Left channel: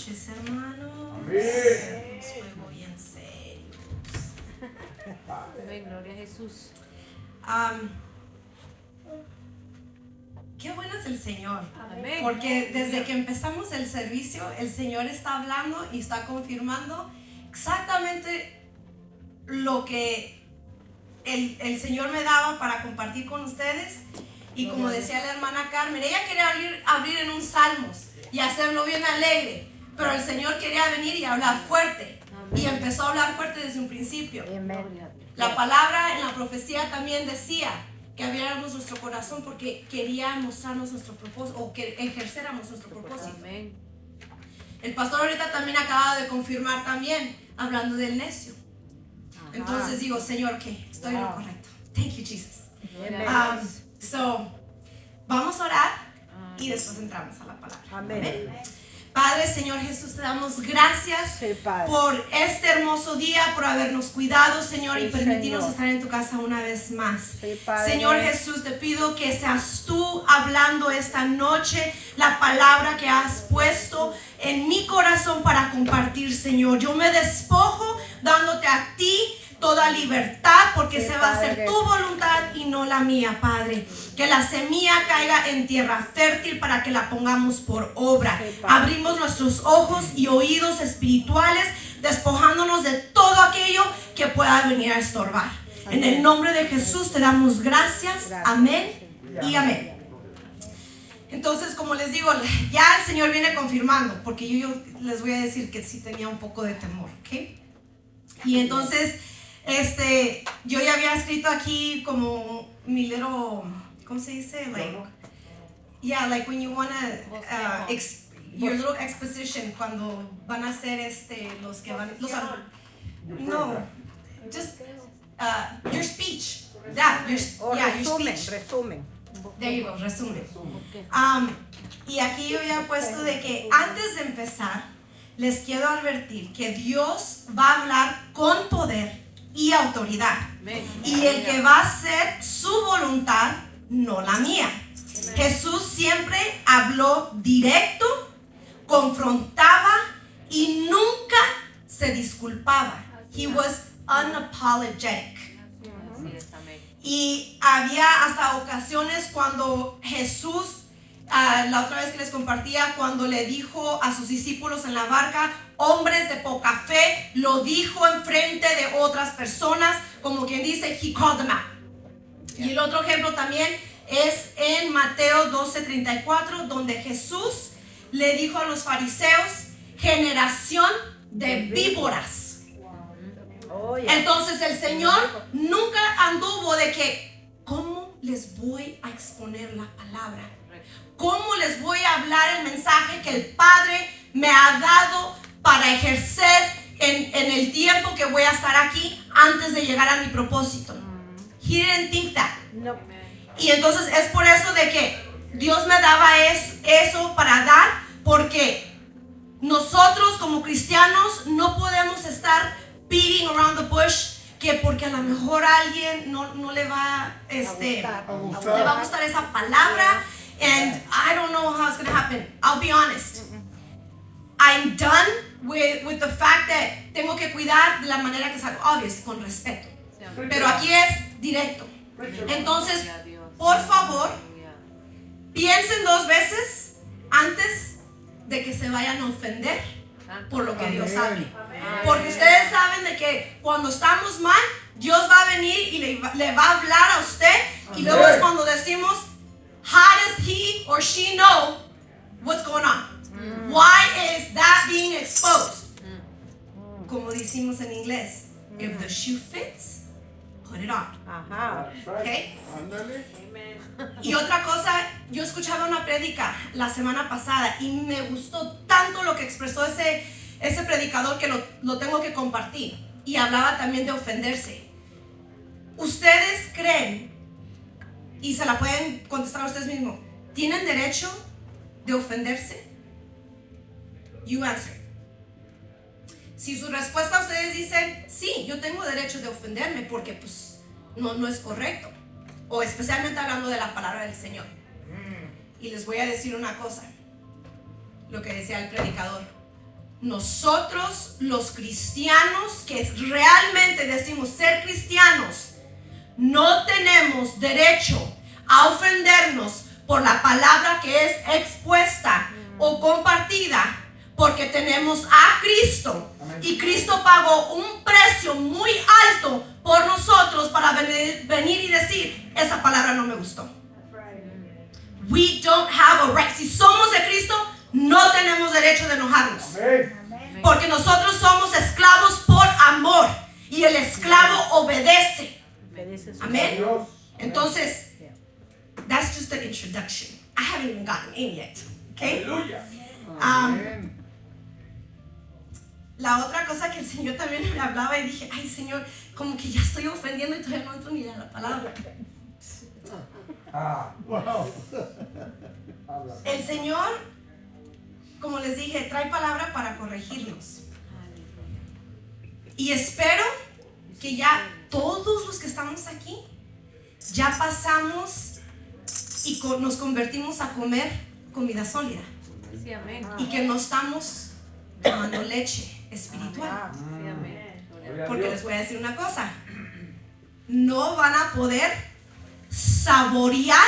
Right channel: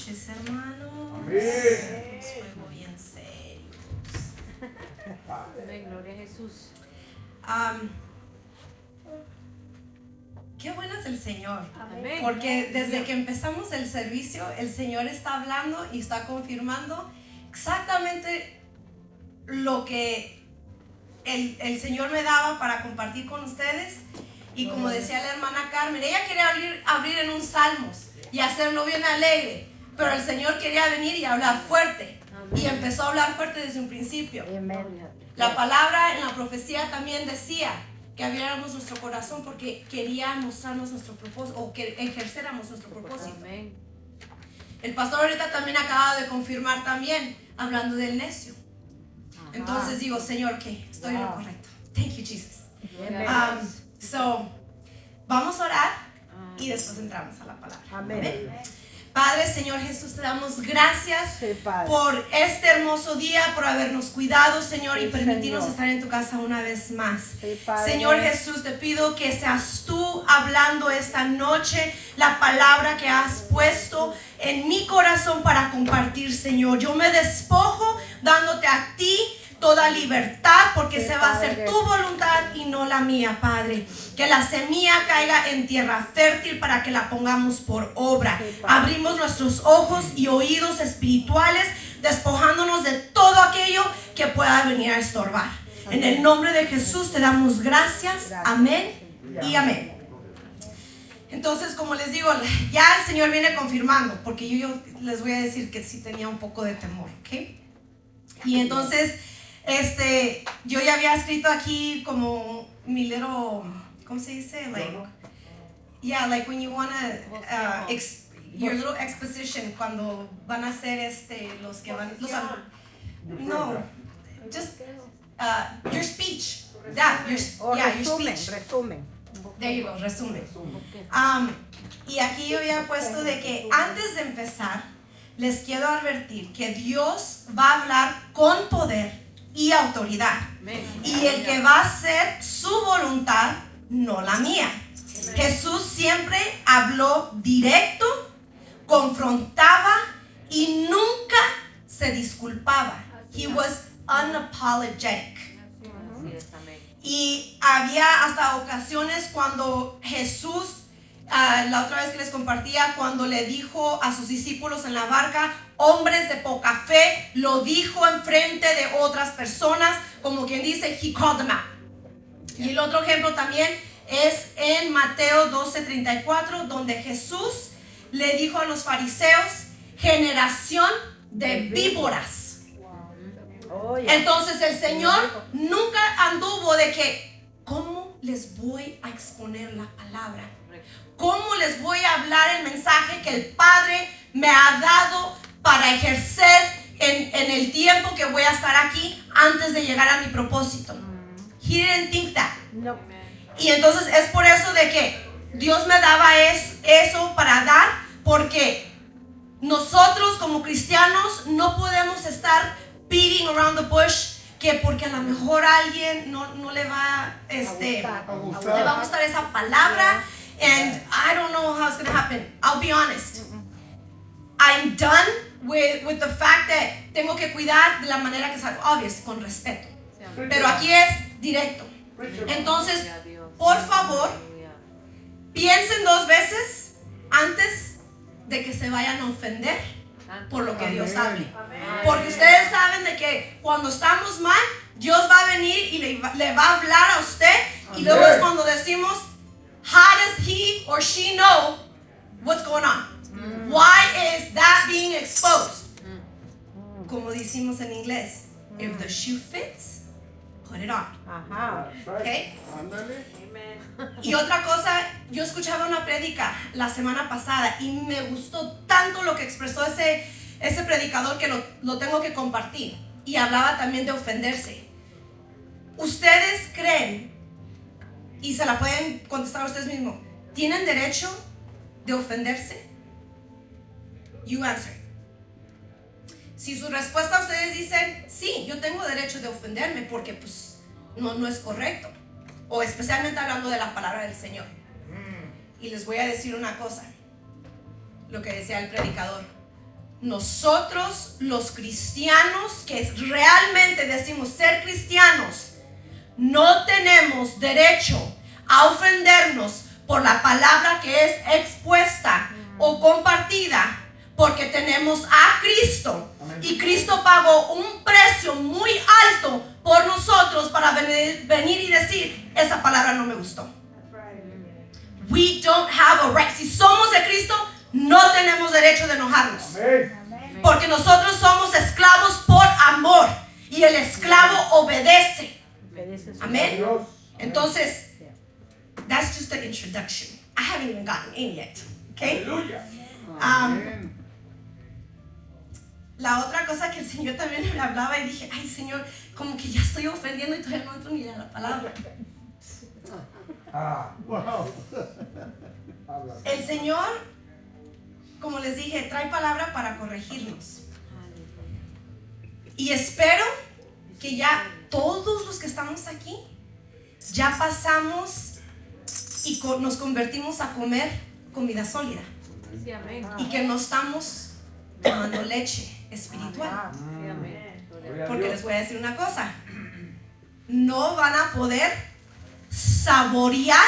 noches, hermanos. Amén. Bien serios. Amén, gloria a Jesús. Qué bueno es el Señor. Amén. Porque desde que empezamos el servicio, el Señor está hablando y está confirmando exactamente lo que el Señor me daba para compartir con ustedes. Y como decía la hermana Carmen, ella quería abrir en un Salmos y hacerlo bien alegre, pero el Señor quería venir y hablar fuerte. Y empezó a hablar fuerte desde un principio. La palabra en la profecía también decía que abriéramos nuestro corazón porque quería mostrarnos nuestro propósito, o que ejercéramos nuestro propósito. Amén. El pastor ahorita también acaba de confirmar también, hablando del necio. Entonces digo, Señor, que estoy en lo correcto. Thank you, Jesus. So, vamos a orar y después entramos a la palabra. Amén. Padre, Señor Jesús, te damos gracias Sí, Padre. por este hermoso día, por habernos cuidado, Señor, y Sí, permitirnos Señor. estar en tu casa una vez más. Sí, Padre. Señor Jesús, te pido que seas tú hablando esta noche la palabra que has puesto en mi corazón para compartir, Señor. Yo me despojo dándote a ti toda libertad, porque Sí, se va a hacer Padre. tu voluntad y no la mía, Padre. Que la semilla caiga en tierra fértil para que la pongamos por obra. Sí, Padre. Abrimos nuestros ojos y oídos espirituales, despojándonos de todo aquello que pueda venir a estorbar. En el nombre de Jesús te damos gracias. Amén y amén. Entonces, como les digo, ya el Señor viene confirmando, porque yo les voy a decir que sí tenía un poco de temor, ¿ok? Y entonces, yo ya había escrito aquí como mi little, ¿cómo se dice? Like, yeah, like when you wanna, your little exposition, cuando van a hacer los que van, no, just your speech, your speech. Resumen. There you go, resumen. Y aquí yo había puesto de que antes de empezar, les quiero advertir que Dios va a hablar con poder y autoridad. Y el que va a hacer su voluntad, no la mía. Jesús siempre habló directo, confrontaba y nunca se disculpaba. He was unapologetic. Y había hasta ocasiones cuando Jesús, la otra vez que les compartía, cuando le dijo a sus discípulos en la barca, hombres de poca fe, lo dijo en frente de otras personas, como quien dice, he called them out. Y el otro ejemplo también es en Mateo 12:34, donde Jesús le dijo a los fariseos, generación de víboras. Entonces el Señor nunca anduvo de que, ¿cómo les voy a exponer la palabra? ¿Cómo les voy a hablar el mensaje que el Padre me ha dado para ejercer en el tiempo que voy a estar aquí antes de llegar a mi propósito? He didn't think that. No. Y entonces es por eso de que Dios me daba eso para dar, porque nosotros como cristianos no podemos estar beating around the bush, que porque a lo mejor a alguien no le va le va a gustar esa palabra, and I don't know how it's going to happen. I'll be honest. I'm done with the fact that tengo que cuidar de la manera que es obvious, con respeto. Pero aquí es directo. Entonces, por favor, piensen 2 veces antes de que se vayan a ofender por lo que Dios hable. Porque ustedes saben de que cuando estamos mal, Dios va a venir y le va a hablar a usted. Y luego es cuando decimos, how does he or she know what's going on? Why is that being exposed? Como decimos en inglés, if the shoe fits, put it on. Okay? Y otra cosa, yo escuchaba una prédica la semana pasada y me gustó tanto lo que expresó ese predicador que lo tengo que compartir. Y hablaba también de ofenderse. ¿Ustedes creen, y se la pueden contestar a ustedes mismos, tienen derecho de ofenderse? You answer. Si su respuesta ustedes dicen, sí, yo tengo derecho de ofenderme porque pues no es correcto. O especialmente hablando de la palabra del Señor. Y les voy a decir una cosa, lo que decía el predicador. nosotros los cristianos que realmente decimos ser cristianos, no tenemos derecho a ofendernos por la palabra que es expuesta o compartida, porque tenemos a Cristo. Amén. Y Cristo pagó un precio muy alto por nosotros para venir y decir, esa palabra no me gustó. We don't have a right. Si somos de Cristo, no tenemos derecho de enojarnos. Amén. Porque nosotros somos esclavos por amor y el esclavo obedece. Amén. Entonces, that's just the introduction. I haven't even gotten in yet. Okay? La otra cosa que el Señor también me hablaba y dije, ay Señor, como que ya estoy ofendiendo y todavía no entro ni en la palabra. El Señor, como les dije, trae palabra para corregirnos. Y espero que ya todos los que estamos aquí ya pasamos y nos convertimos a comer comida sólida. Sí, amén. Y que no estamos tomando leche espiritual. Sí, amén. Porque les voy a decir una cosa, no van a poder saborear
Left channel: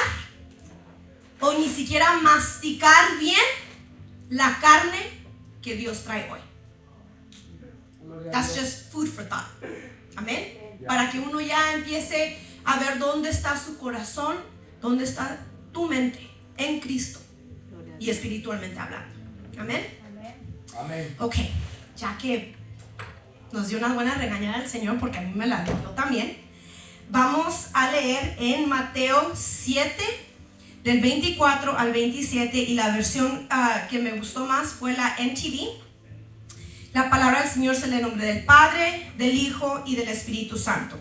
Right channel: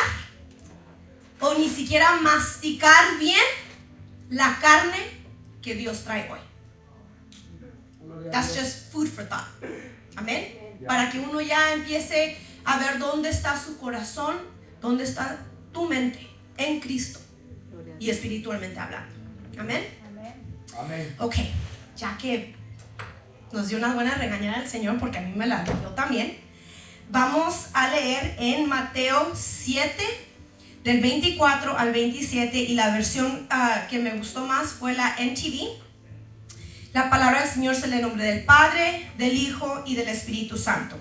o ni siquiera masticar bien la carne que Dios trae hoy. That's just food for thought. Amén. Para que uno ya empiece a ver dónde está su corazón, dónde está tu mente en Cristo y espiritualmente hablando. Amén. Amén. Ok, ya que nos dio una buena regañada el Señor, porque a mí me la dio también, vamos a leer en Mateo 7 del 24 al 27, y la versión que me gustó más fue la NTV. La palabra del Señor se lee en nombre del Padre, del Hijo y del Espíritu Santo.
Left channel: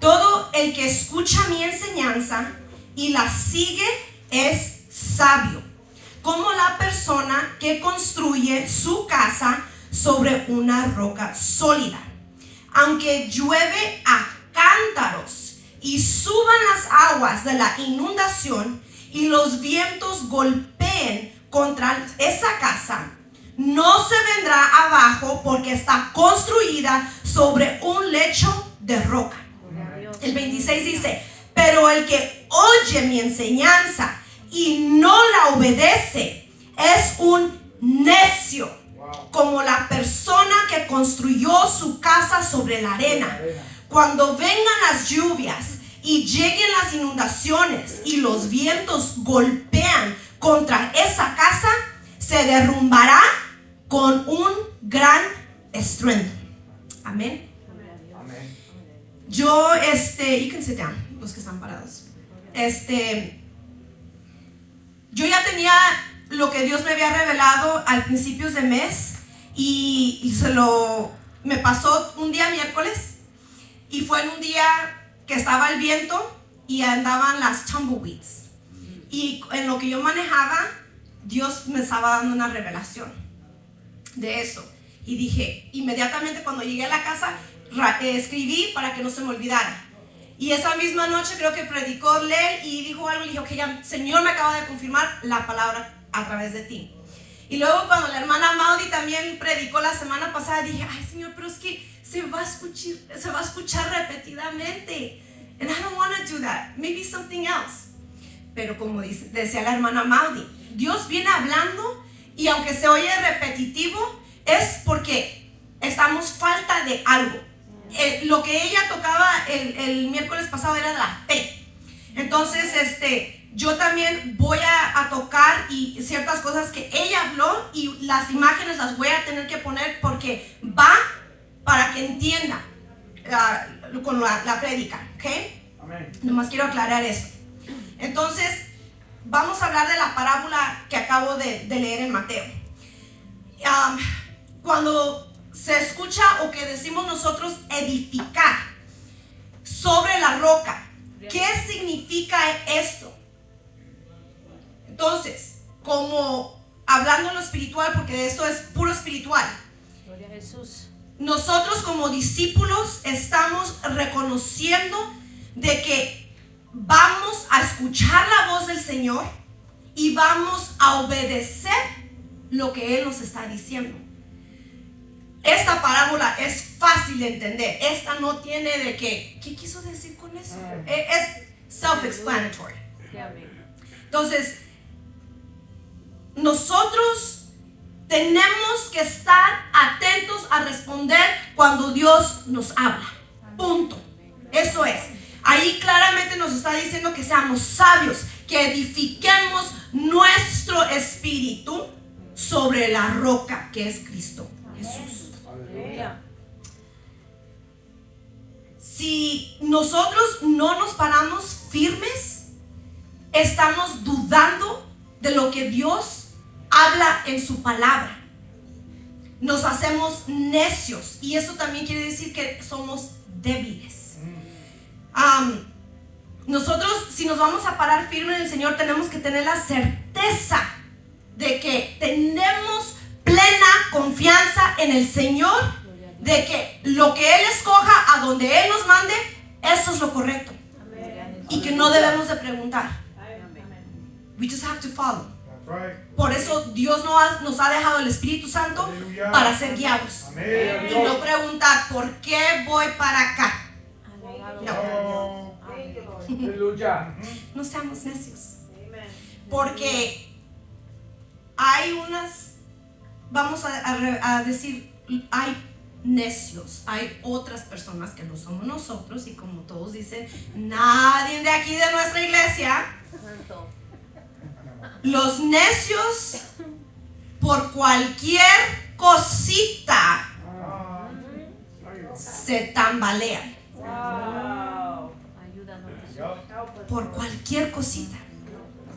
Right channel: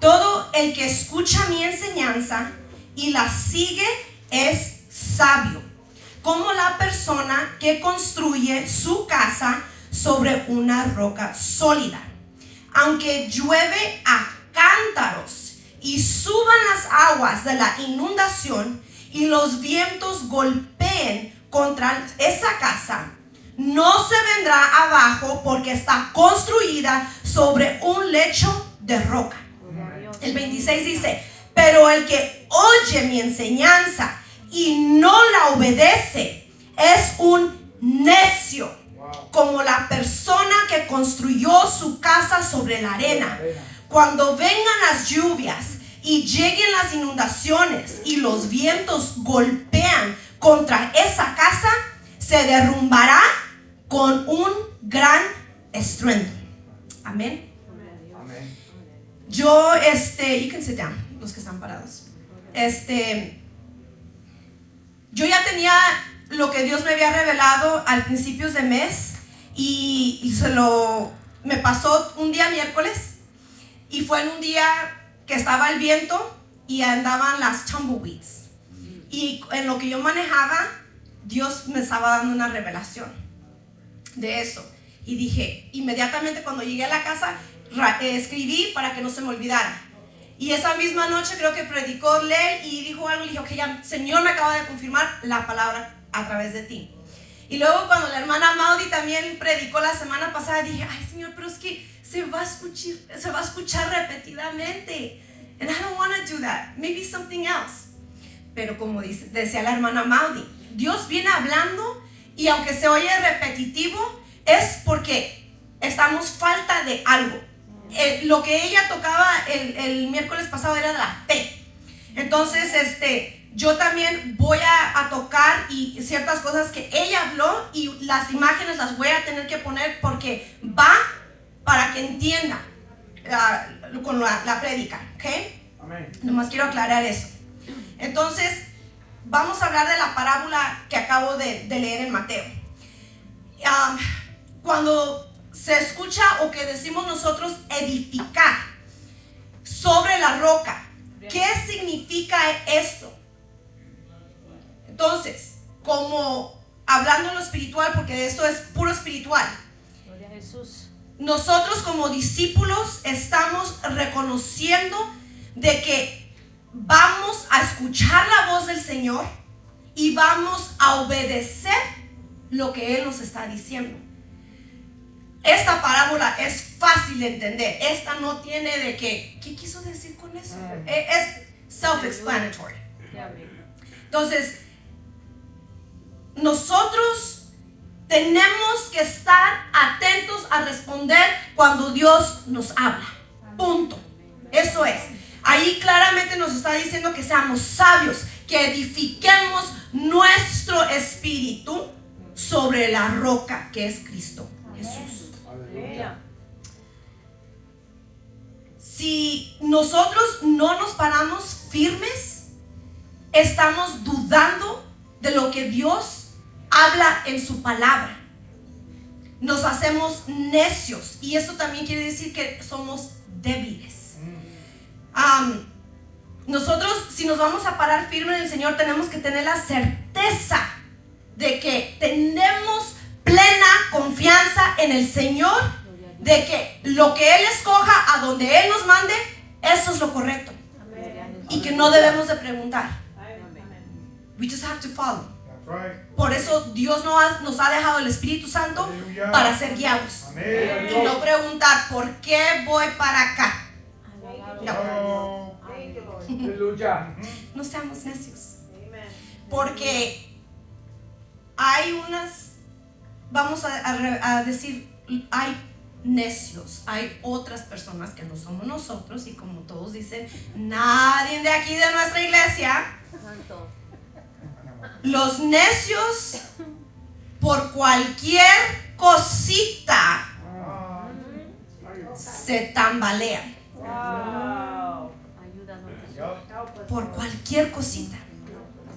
Todo el que escucha mi enseñanza y la sigue es sabio, como la persona que construye su casa sobre una roca sólida. Aunque llueve a cántaros y suban las aguas de la inundación y los vientos golpeen contra esa casa, no se vendrá abajo, porque está construida sobre un lecho de roca. El 26 dice, pero el que oye mi enseñanza y no la obedece es un necio, como la persona que construyó su casa sobre la arena. Cuando vengan las lluvias y lleguen las inundaciones y los vientos golpean contra esa casa, se derrumbará con un gran estruendo. Amén. Yo, you can sit down, los que están parados. Yo ya tenía lo que Dios me había revelado al principios de mes, y me pasó un día miércoles, y fue en un día que estaba el viento y andaban las tumbleweeds, y en lo que yo manejaba, Dios me estaba dando una revelación de eso, y dije, inmediatamente cuando llegué a la casa, escribí para que no se me olvidara. Y esa misma noche creo que predicó Len y dijo algo, y dije, ok, ya el Señor me acaba de confirmar la palabra a través de ti. Y luego cuando la hermana Maudie también predicó la semana pasada, dije, ay Señor, pero es que se va a escuchar repetidamente, and I don't want to do that, maybe something else. Pero como decía la hermana Maudie, Dios viene hablando, y aunque se oye repetitivo, es porque estamos falta de algo. Lo que ella tocaba el miércoles pasado era la fe. Entonces yo también voy a tocar y ciertas cosas que ella habló, y las imágenes las voy a tener que poner porque va para que entienda con la prédica, ¿ok? Amén. Nomás quiero aclarar eso. Entonces vamos a hablar de la parábola que acabo de leer en Mateo. Cuando se escucha, o que decimos nosotros, edificar sobre la roca, ¿qué significa esto? Entonces, como hablando en lo espiritual, porque esto es puro espiritual, Gloria a Jesús. Nosotros como discípulos estamos reconociendo de que vamos a escuchar la voz del Señor y vamos a obedecer lo que Él nos está diciendo. Esta parábola es fácil de entender. Esta no tiene de que, ¿qué quiso decir con eso? Es self-explanatory. Entonces, nosotros tenemos que estar atentos a responder cuando Dios nos habla. Punto. Eso es. Ahí claramente nos está diciendo que seamos sabios, que edifiquemos nuestro espíritu sobre la roca que es Cristo Jesús. Si nosotros no nos paramos firmes, estamos dudando de lo que Dios habla en su palabra. Nos hacemos necios, y eso también quiere decir que somos débiles. Nosotros, si nos vamos a parar firme en el Señor, tenemos que tener la certeza de que tenemos plena confianza en el Señor, de que lo que Él escoja, a donde Él nos mande, eso es lo correcto. Y que no debemos de preguntar. We just have to follow. Por eso Dios nos ha dejado el Espíritu Santo para ser guiados. Y no preguntar, ¿por qué voy para acá? No. No seamos necios. Porque hay unas, vamos a decir, hay necios, hay otras personas que no somos nosotros, y como todos dicen, nadie de aquí de nuestra iglesia. Los necios, por cualquier cosita, se tambalean. Por cualquier cosita.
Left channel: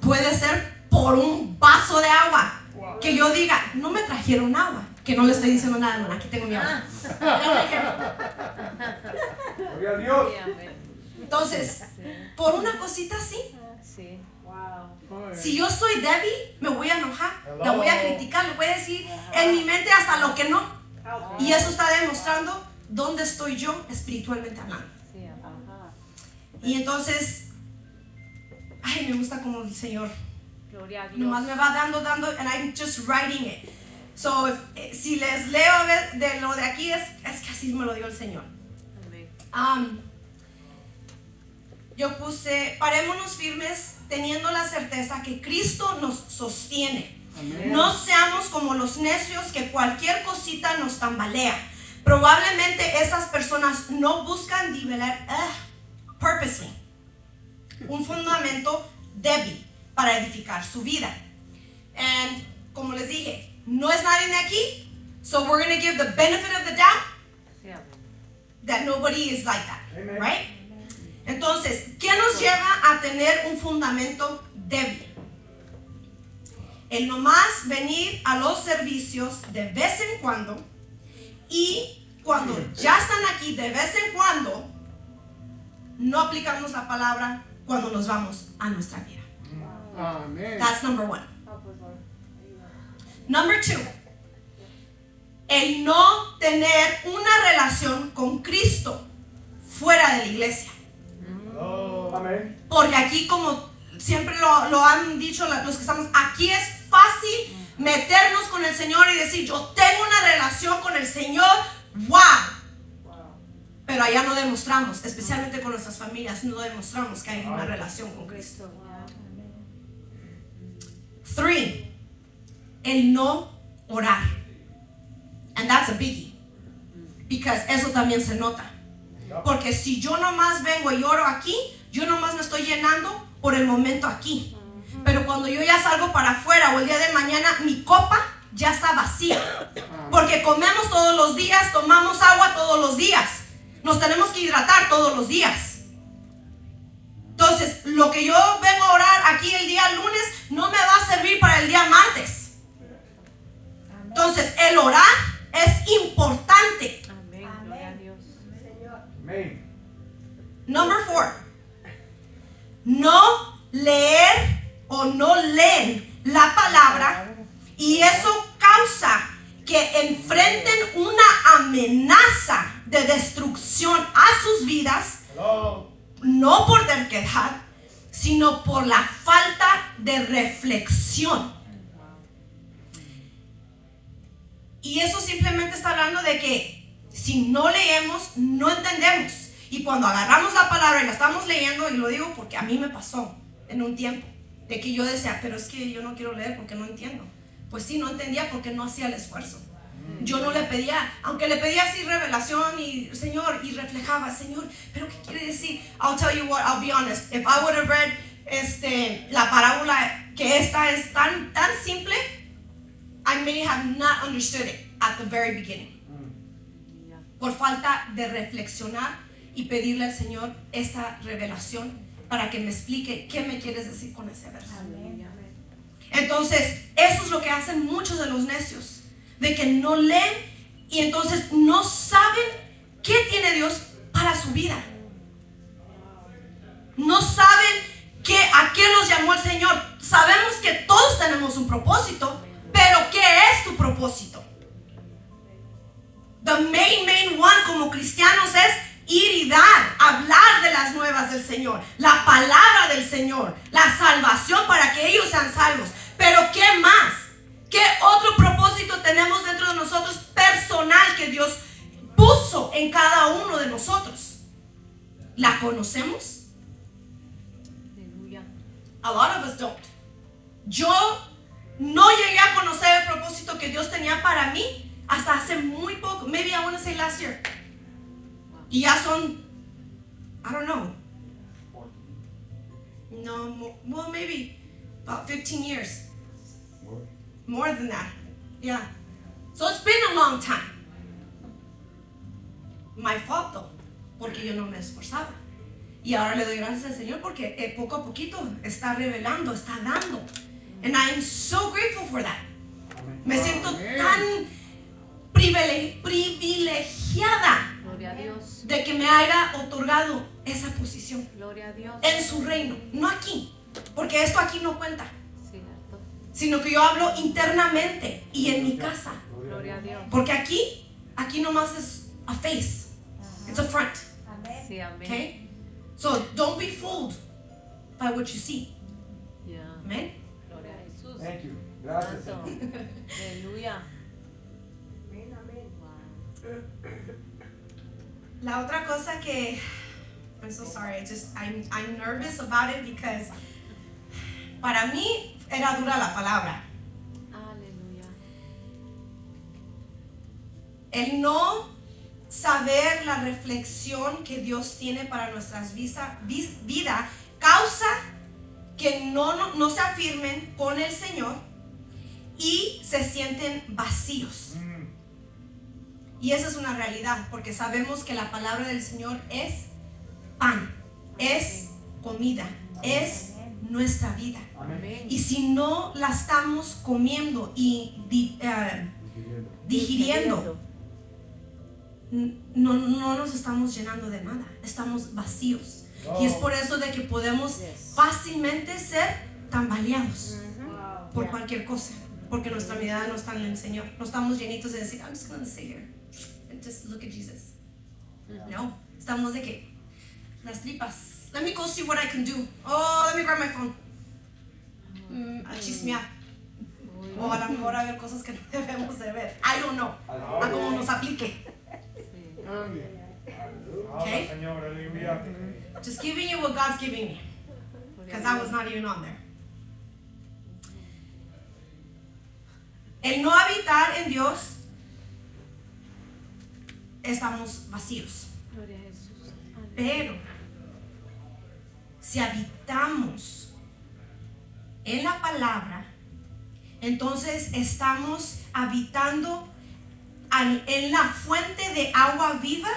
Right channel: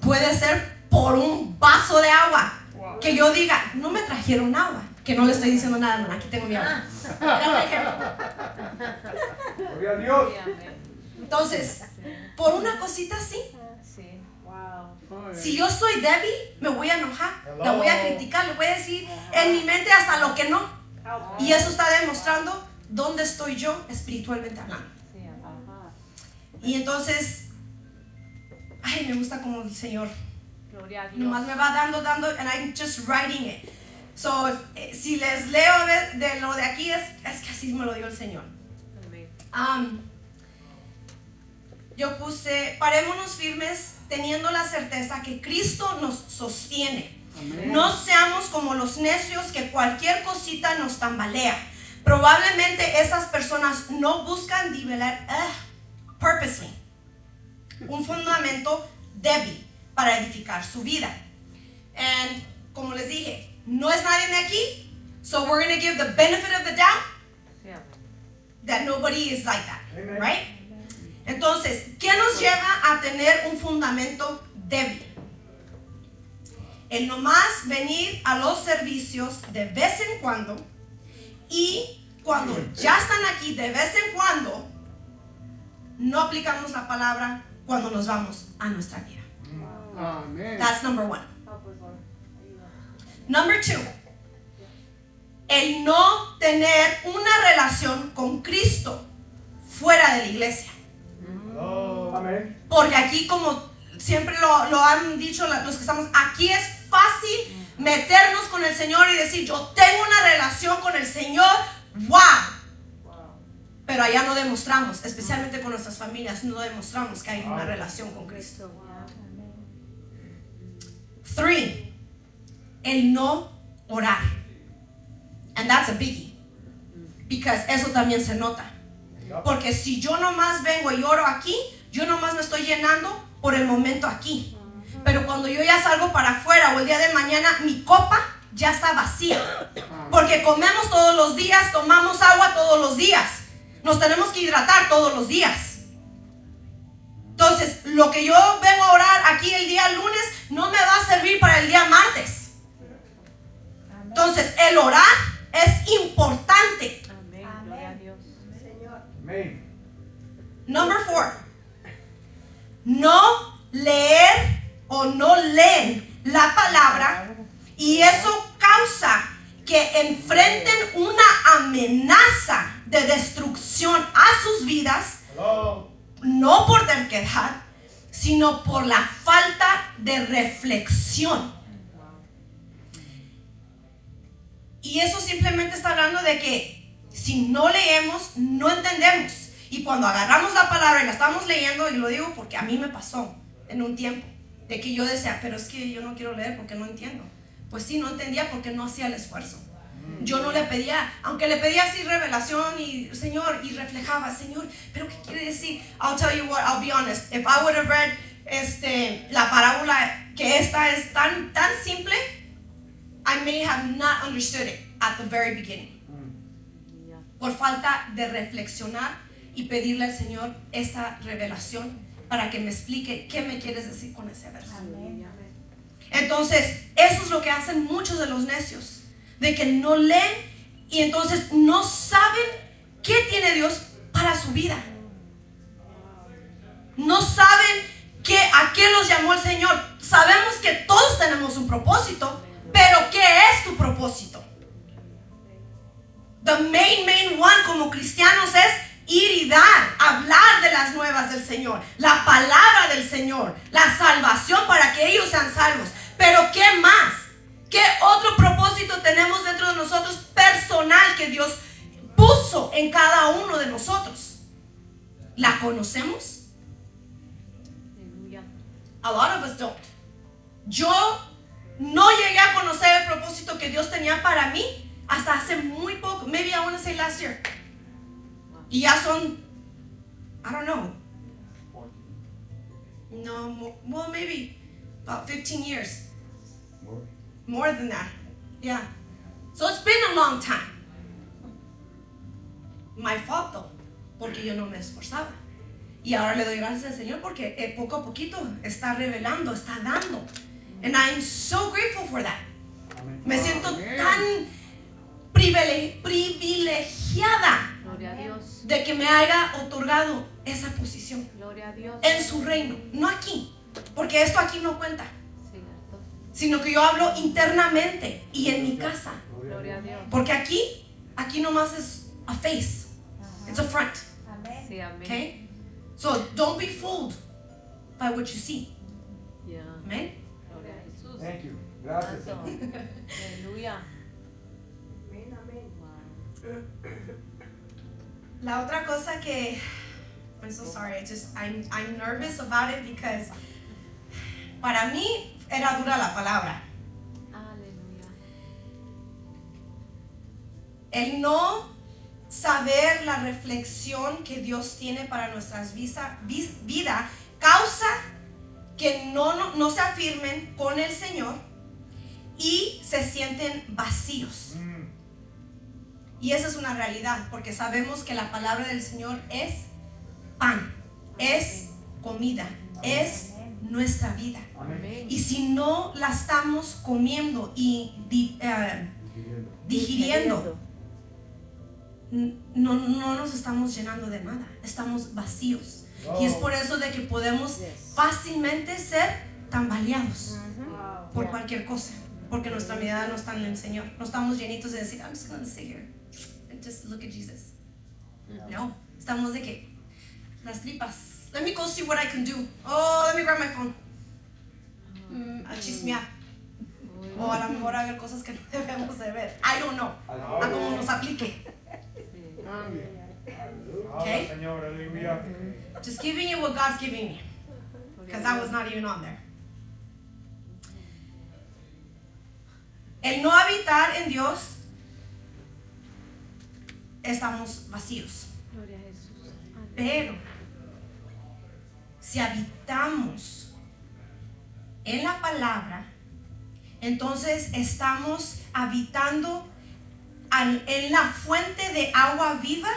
Puede ser por un vaso de agua. Que yo diga, no me trajeron agua. Que no le estoy diciendo nada, no, aquí tengo mi agua. Gloria a Dios. Entonces, por una cosita así. Si yo soy débil, me voy a enojar, la voy a criticar, le voy a decir en mi mente hasta lo que no. Y eso está demostrando dónde estoy yo espiritualmente hablando. Y entonces, ay, me gusta como el Señor nomás me va dando, and I'm just writing it. So, si les leo a ver de lo de aquí, es que así me lo dio el Señor. Yo puse, parémonos firmes teniendo la certeza que Cristo nos sostiene. No seamos como los necios que cualquier cosita nos tambalea. Probablemente esas personas no buscan nivelar, purposing, un fundamento débil para edificar su vida. And como les dije, no es nadie de aquí, so we're going to give the benefit of the doubt that nobody is like that, right? Entonces, ¿qué nos lleva a tener un fundamento débil? El nomás venir a los servicios de vez en cuando, y cuando ya están aquí de vez en cuando, no aplicamos la palabra cuando nos vamos a nuestra vida. That's number one. Number two, el no tener una relación con Cristo fuera de la iglesia. Porque aquí, como siempre lo han dicho los que estamos aquí, es fácil meternos con el Señor y decir, yo tengo una relación con el Señor, wow. Pero allá no demostramos, especialmente con nuestras familias, no demostramos que hay una relación con Cristo. 3, el no orar. And that's a biggie, because eso también se nota. Porque si yo nomás vengo y oro aquí, yo nomás me estoy llenando por el momento aquí. Pero cuando yo ya salgo para afuera o el día de mañana, mi copa ya está vacía. Porque comemos todos los días, tomamos agua todos los días. Nos tenemos que hidratar todos los días. Entonces, lo que yo vengo a orar aquí el día lunes no me va a servir para el día martes. Entonces, el orar es importante. Number 4, no leer o no leen la palabra, y eso causa que enfrenten una amenaza de destrucción a sus vidas, no por terquedad, sino por la falta de reflexión. Y eso simplemente está hablando de que si no leemos, no entendemos. Y cuando agarramos la palabra y la estamos leyendo, y lo digo porque a mí me pasó en un tiempo, de que yo decía, pero es que yo no quiero leer porque no entiendo. Pues sí, no entendía porque no hacía el esfuerzo. Yo no le pedía, aunque le pedía así revelación y Señor, y reflejaba, Señor, pero ¿qué quiere decir? I'll tell you what, I'll be honest. If I would have read la parábola, que esta es tan simple, I may have not understood it at the very beginning. Por falta de reflexionar y pedirle al Señor esa revelación para que me explique qué me quieres decir con ese verso. Entonces, eso es lo que hacen muchos de los necios, de que no leen y entonces no saben qué tiene Dios para su vida. No saben a qué los llamó el Señor. Sabemos que todos tenemos un propósito, pero ¿qué es tu propósito? The main one como cristianos es ir y dar, hablar de las nuevas del Señor, la palabra del Señor, la salvación para que ellos sean salvos. Pero ¿qué más? ¿Qué otro propósito tenemos dentro de nosotros personal que Dios puso en cada uno de nosotros? ¿La conocemos? A lot of us don't. Yo no llegué a conocer el propósito que Dios tenía para mí hasta hace muy poco. Maybe I want to say last year. Y ya son, I don't know. No, well, maybe about 15 years. More than that. Yeah. So it's been a long time. My fault though, porque yo no me esforzaba. Y ahora le doy gracias al Señor porque poco a poquito está revelando, está dando. And I'm so grateful for that. Me siento tan privilegiada de que me haya otorgado esa posición en su reino, no aquí, porque esto aquí no cuenta, sino que yo hablo internamente y en mi casa, porque aquí nomás es a face, it's a front, okay? So don't be fooled by what you see. Amen. Thank you. Gracias. Aleluya. La otra cosa que I'm so sorry, I'm nervous about it because para mí era dura la palabra. Aleluya. El no saber la reflexión que Dios tiene para nuestras vida causa que no se afirmen con el Señor y se sienten vacíos. Y esa es una realidad, porque sabemos que la palabra del Señor es pan, es comida, es nuestra vida. Amén. Y si no la estamos comiendo y digiriendo, no nos estamos llenando de nada, estamos vacíos. Y es por eso de que podemos fácilmente ser tambaleados por cualquier cosa, porque nuestra mirada no está en el Señor. No estamos llenitos de decir, I'm just going to sit here and just look at Jesus. No, estamos de que las tripas. Let me go see what I can do. Oh, let me grab my phone. A chismear. O a lo mejor a ver cosas que no debemos de ver. I don't know. A como nos aplique. Okay? Señor, aleluya. Just giving you what God's giving me, because I was not even on there. El no habitar en Dios, estamos vacíos. Gloria a Jesús. Pero si habitamos en la palabra, entonces estamos habitando en la fuente de agua viva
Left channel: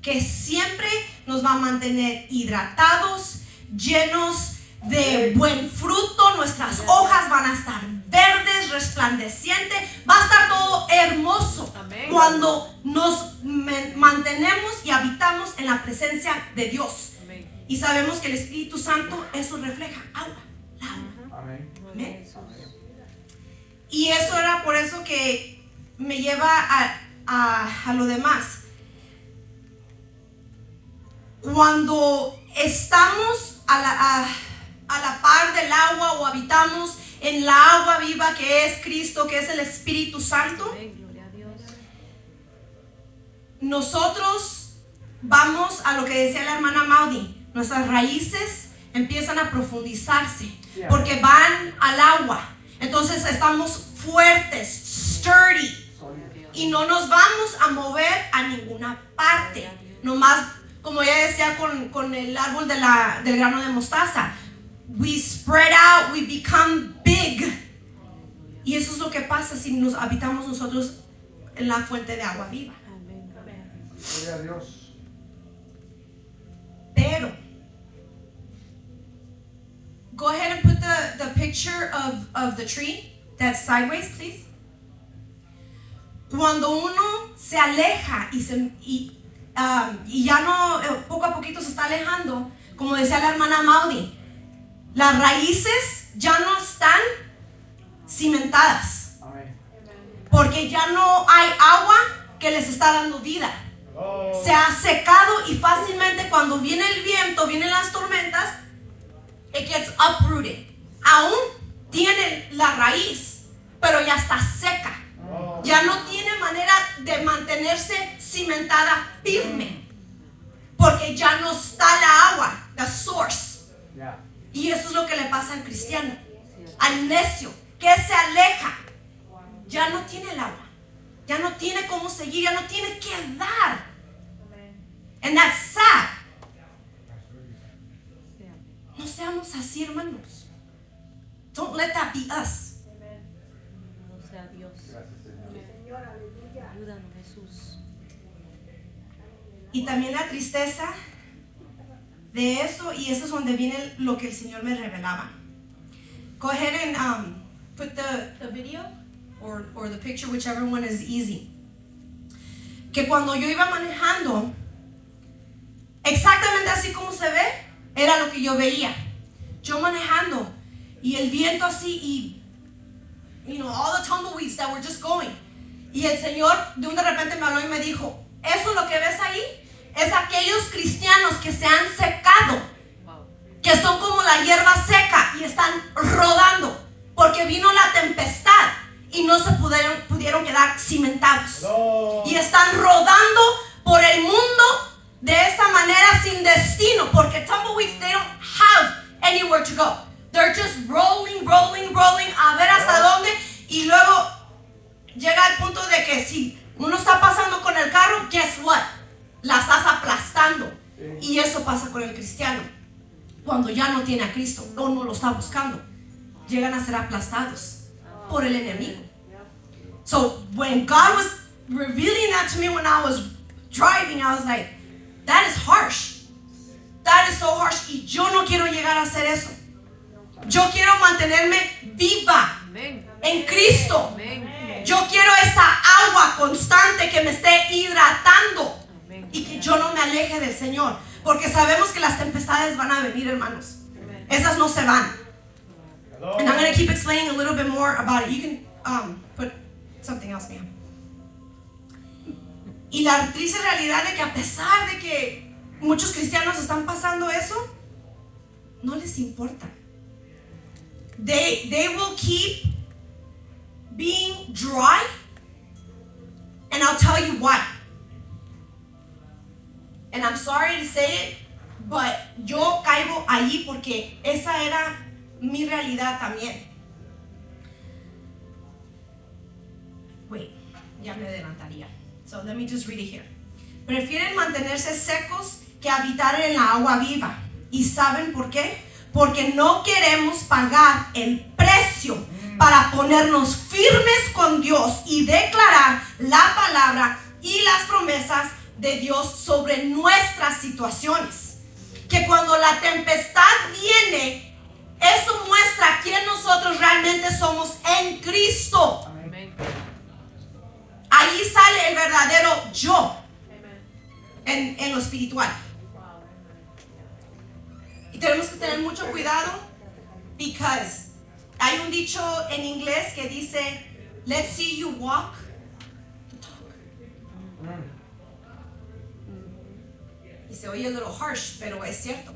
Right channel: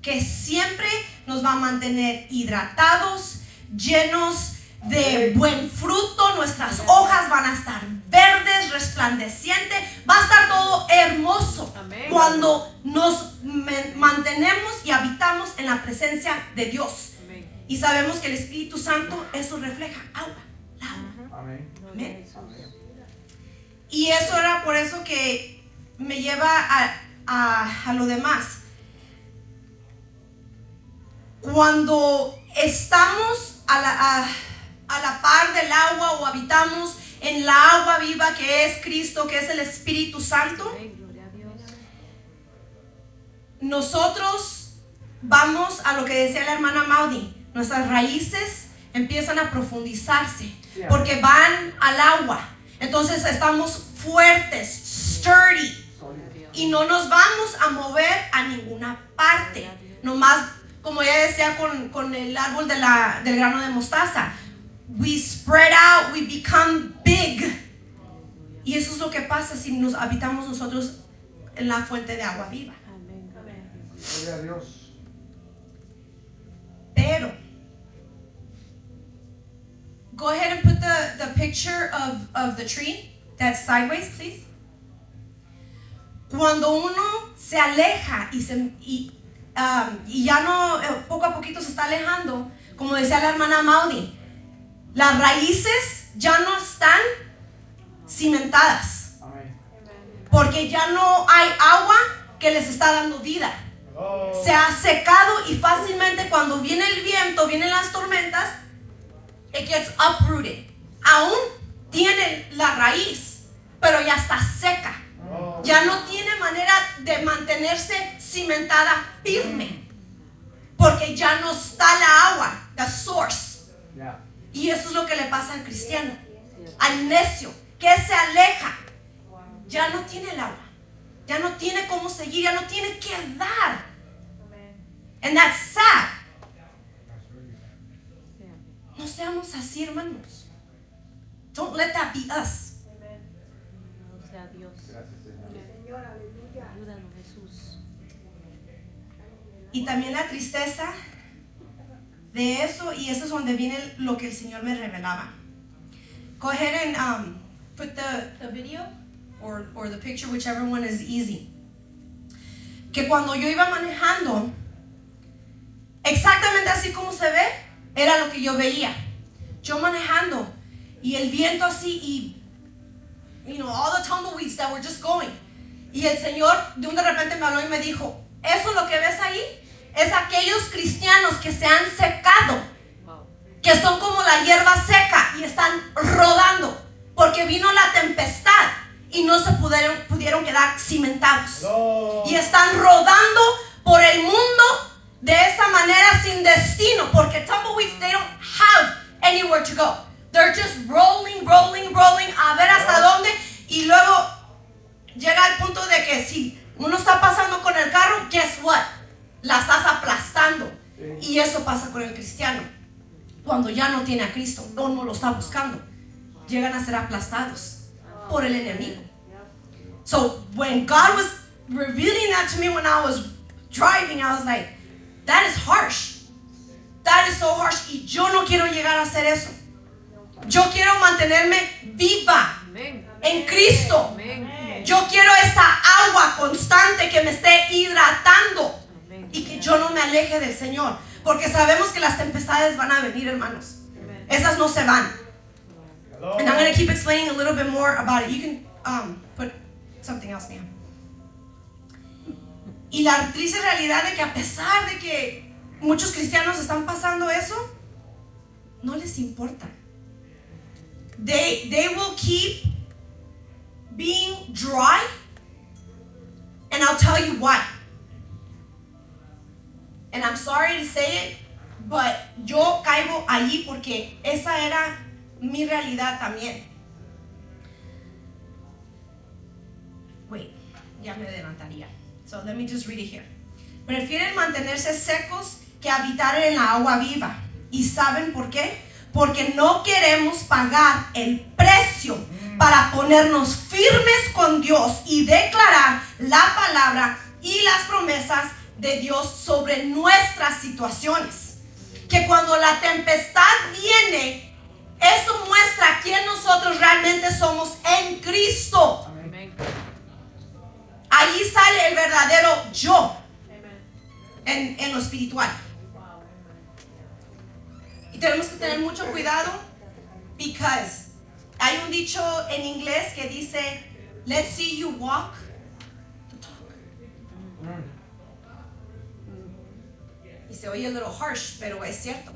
que siempre nos va a mantener hidratados, llenos de buen fruto. Nuestras hojas van a estar verdes, resplandecientes, va a estar todo hermoso. Amén. Cuando nos mantenemos y habitamos en la presencia de Dios. Amén. Y sabemos que el Espíritu Santo eso refleja agua. Amén. Gloria a Jesús. Y eso era por eso que me lleva a lo demás. Cuando estamos a la par del agua o habitamos en la agua viva que es Cristo, que es el Espíritu Santo, nosotros vamos a lo que decía la hermana Maudie, nuestras raíces empiezan a profundizarse porque van al agua. Entonces estamos fuertes, sturdy, y no nos vamos a mover a ninguna parte. Nomás, como ya decía con el árbol del grano de mostaza, we spread out, we become big. Y eso es lo que pasa si nos habitamos nosotros en la fuente de agua viva. Gloria a Dios. Pero, go ahead and put the picture of the tree that's sideways, please. Cuando uno se aleja y ya no, poco a poquito se está alejando, como decía la hermana Maudie, las raíces ya no están cimentadas, Amén. porque ya no hay agua que les está dando vida. Oh. Se ha secado y fácilmente cuando viene el viento, vienen las tormentas, it gets uprooted. Aún tiene la raíz, pero ya está seca. Oh. Ya no tiene manera de mantenerse cimentada firme, porque ya no está la agua, the source. Yeah. Y eso es lo que le pasa al cristiano, al necio, que se aleja. Ya no tiene el agua, ya no tiene cómo seguir, ya no tiene que dar. And that's sad. No seamos así, hermanos. Don't let that be us. No sea Dios. Gracias, Señor. Ayúdanos, Jesús. Y también la tristeza de eso, y eso es donde viene lo que el Señor me revelaba. Go ahead and put the video or the picture, whichever one is easy. Que cuando yo iba manejando, exactamente así como se ve, era lo que yo veía. Yo manejando y el viento así y all the tumbleweeds that were just going. Y el Señor de repente me habló y me dijo, eso lo que ves ahí es aquellos cristianos que se han secado, que son como la hierba seca y están rodando porque vino la tempestad y no se pudieron quedar cimentados. No. Y están rodando por el mundo de esa manera sin destino, porque tumbleweeds, they don't have anywhere to go. They're just rolling, a ver hasta dónde, y luego llega el punto de que si uno está pasando con el carro, guess what? La estás aplastando. Y eso pasa con el cristiano. Cuando ya no tiene a Cristo, no lo está buscando, llegan a ser aplastados por el enemigo. So when God was revealing that to me when I was driving, I was like, that is harsh. That is so harsh. Y yo no quiero llegar a hacer eso. Yo quiero mantenerme viva en Cristo. Yo quiero esa agua constante que me esté hidratando y que yo no me aleje del Señor. Porque sabemos que las tempestades van a venir, hermanos. Esas no se van. And I'm going to keep explaining a little bit more about it. You can put something else, ma'am. Y la triste realidad de que a pesar de que muchos cristianos están pasando eso, no les importa. They will keep being dry, and I'll tell you why. And I'm sorry to say it, but yo caigo allí porque esa era mi realidad también. Wait, ya me levantaría. So let me just read it here. Prefieren mantenerse secos que habitar en la agua viva. ¿Y saben por qué? Porque no queremos pagar el precio para ponernos firmes con Dios y declarar la palabra y las promesas de Dios sobre nuestras situaciones. Que cuando la tempestad viene, eso muestra quién nosotros realmente somos en Cristo. Amén. Ahí sale el verdadero yo en lo espiritual. Y tenemos que tener mucho cuidado, because hay un dicho en inglés que dice, let's see you walk. Y se oye a little harsh, pero es cierto.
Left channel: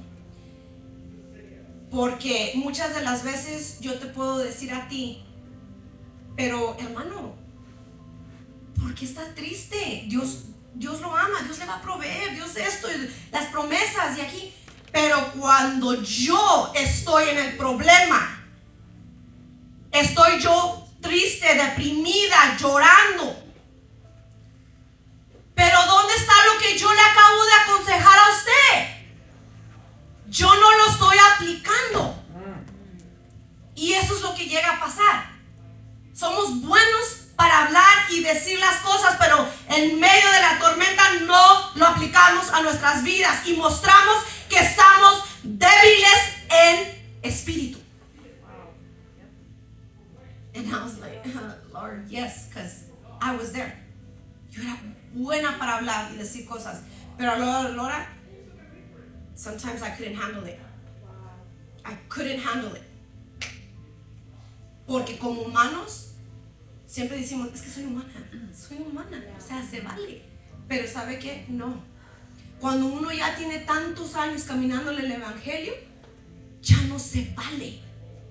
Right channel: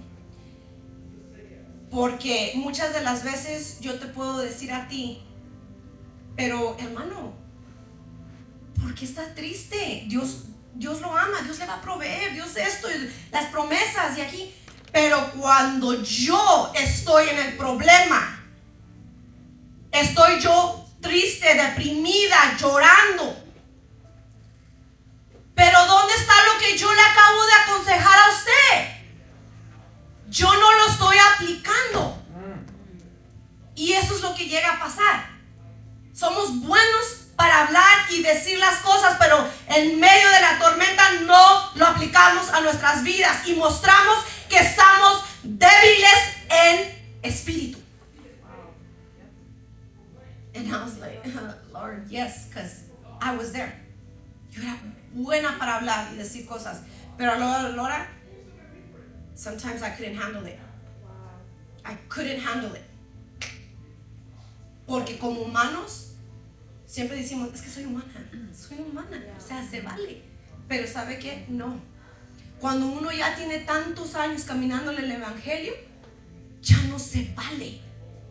Porque muchas de las veces yo te puedo decir a ti, pero hermano, ¿por qué está triste? Dios Dios lo ama, Dios le va a proveer, Dios esto, las promesas y aquí. Pero cuando yo estoy en el problema, estoy yo triste, deprimida, llorando. Pero ¿dónde está lo que yo le acabo de aconsejar a usted? Yo no lo estoy aplicando. Y eso es lo que llega a pasar. Somos buenos para hablar y decir las cosas, pero en medio de la tormenta no lo aplicamos a nuestras vidas y mostramos que estamos débiles en espíritu. And I was like, Lord, yes, because I was there. Yo era buena para hablar y decir cosas, pero a la hora, sometimes I couldn't handle it. I couldn't handle it. Porque como humanos, siempre decimos, es que soy humana, o sea, se vale. Pero ¿sabe qué? No. Cuando uno ya tiene tantos años caminando en el evangelio, ya no se vale,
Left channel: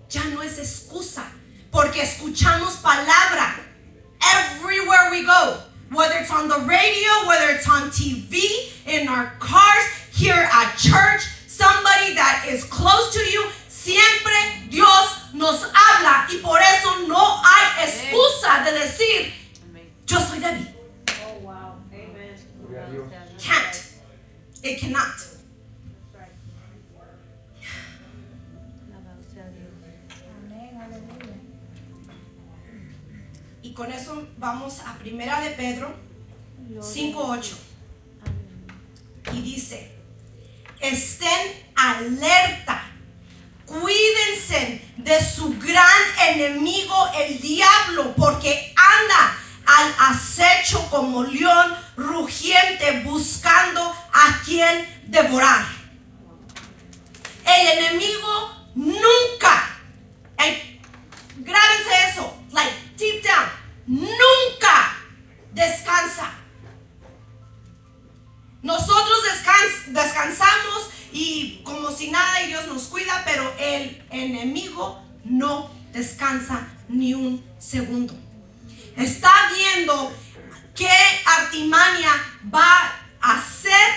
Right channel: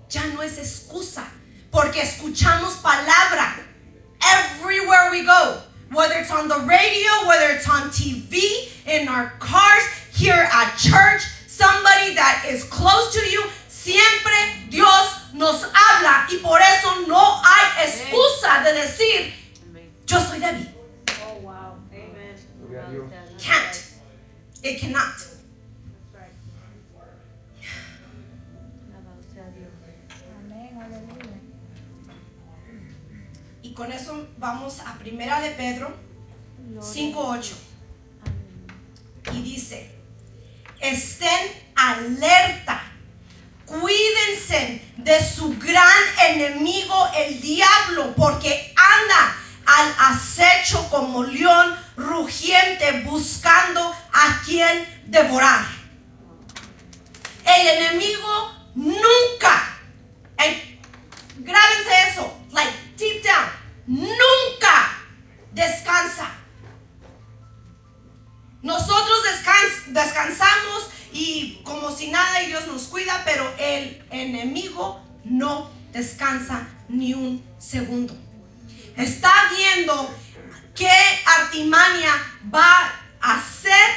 ya no es excusa, porque escuchamos palabra everywhere we go, whether it's on the radio, whether it's on TV, in our cars, here at church, somebody that is close to you. Siempre Dios nos habla y por eso no hay excusa de decir, yo soy débil. Oh, wow. Amen. Gloria a Dios. Can't. It cannot. Alabado sea Dios. Y con eso vamos a Primera de Pedro 5:8. Y dice, estén alerta. Cuídense de su gran enemigo, el diablo, porque anda al acecho como león rugiente buscando a quien devorar. El enemigo nunca, grábense eso, like deep down, nunca descansa. Nosotros descansamos y como si nada y Dios nos cuida, pero el enemigo no descansa ni un segundo. Está viendo qué artimaña va a hacer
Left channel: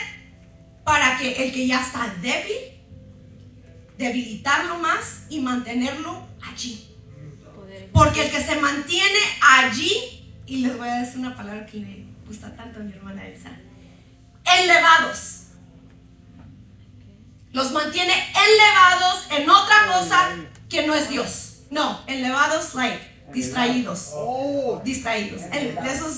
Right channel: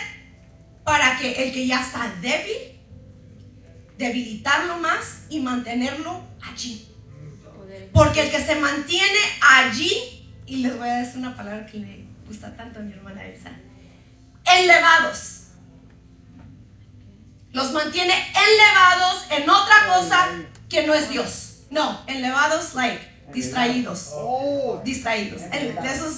para que el que ya está débil, debilitarlo más y mantenerlo allí. Porque el que se mantiene allí, y les voy a decir una palabra que me gusta tanto a mi hermana Elsa, elevados. Los mantiene elevados en otra cosa que no es Dios. No, elevados, like, distraídos. Oh, Distraídos. Eso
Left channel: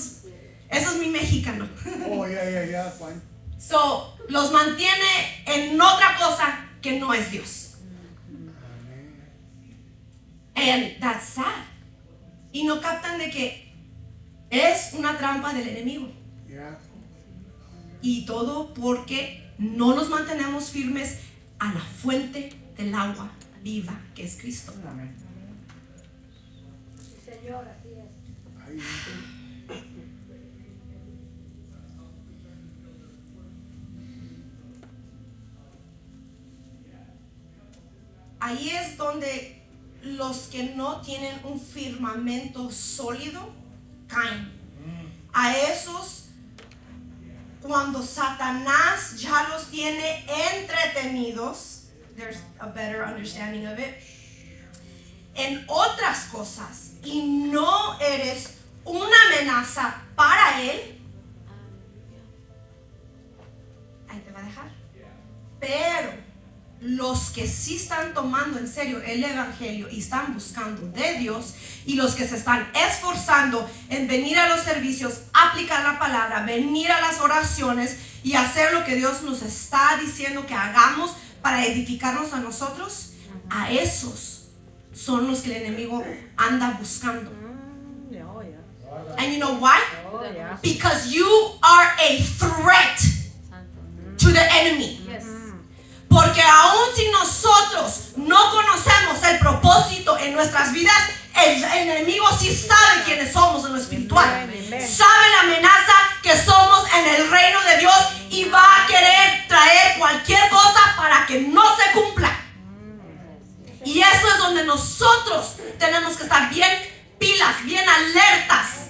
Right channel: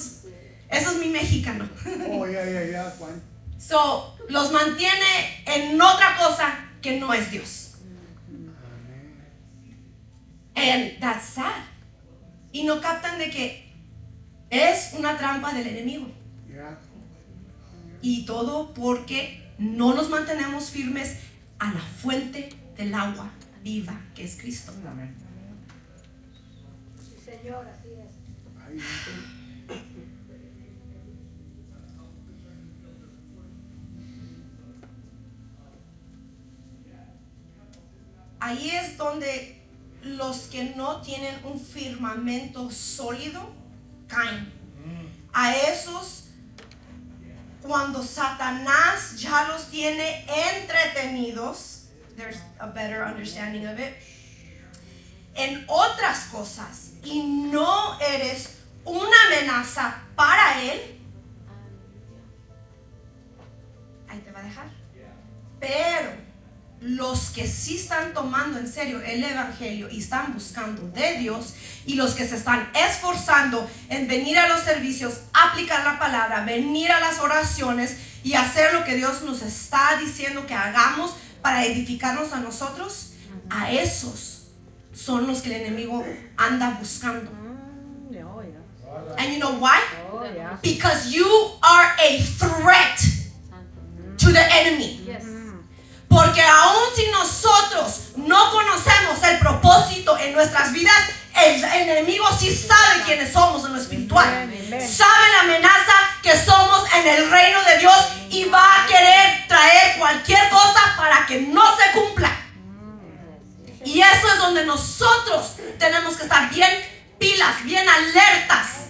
es mi mexicano. oh, ya, Juan. So, los mantiene en otra cosa que no es Dios. And that's sad. Y no captan de que es una trampa del enemigo. Ya. Y todo porque no nos mantenemos firmes a la fuente del agua viva que es Cristo. Amén. Señor, así es. Ay, Ahí es donde los que no tienen un firmamento sólido caen. A esos, cuando Satanás ya los tiene entretenidos, there's a better understanding of it, en otras cosas y no eres una amenaza para él, ahí te va a dejar. Pero los que sí están tomando en serio el evangelio y están buscando de Dios, y los que se están esforzando en venir a los servicios, aplicar la palabra, venir a las oraciones y hacer lo que Dios nos está diciendo que hagamos para edificarnos a nosotros, a esos son los que el enemigo anda buscando. And you know why? Because you are a threat to the enemy. Yes. Porque aún si nosotros no conocemos el propósito en nuestras vidas, el enemigo sí sabe quiénes somos en lo espiritual. Sabe la amenaza que somos en el reino de Dios y va a querer traer cualquier cosa para que no se cumpla. Y eso es donde nosotros tenemos que estar bien pilas, bien alertas.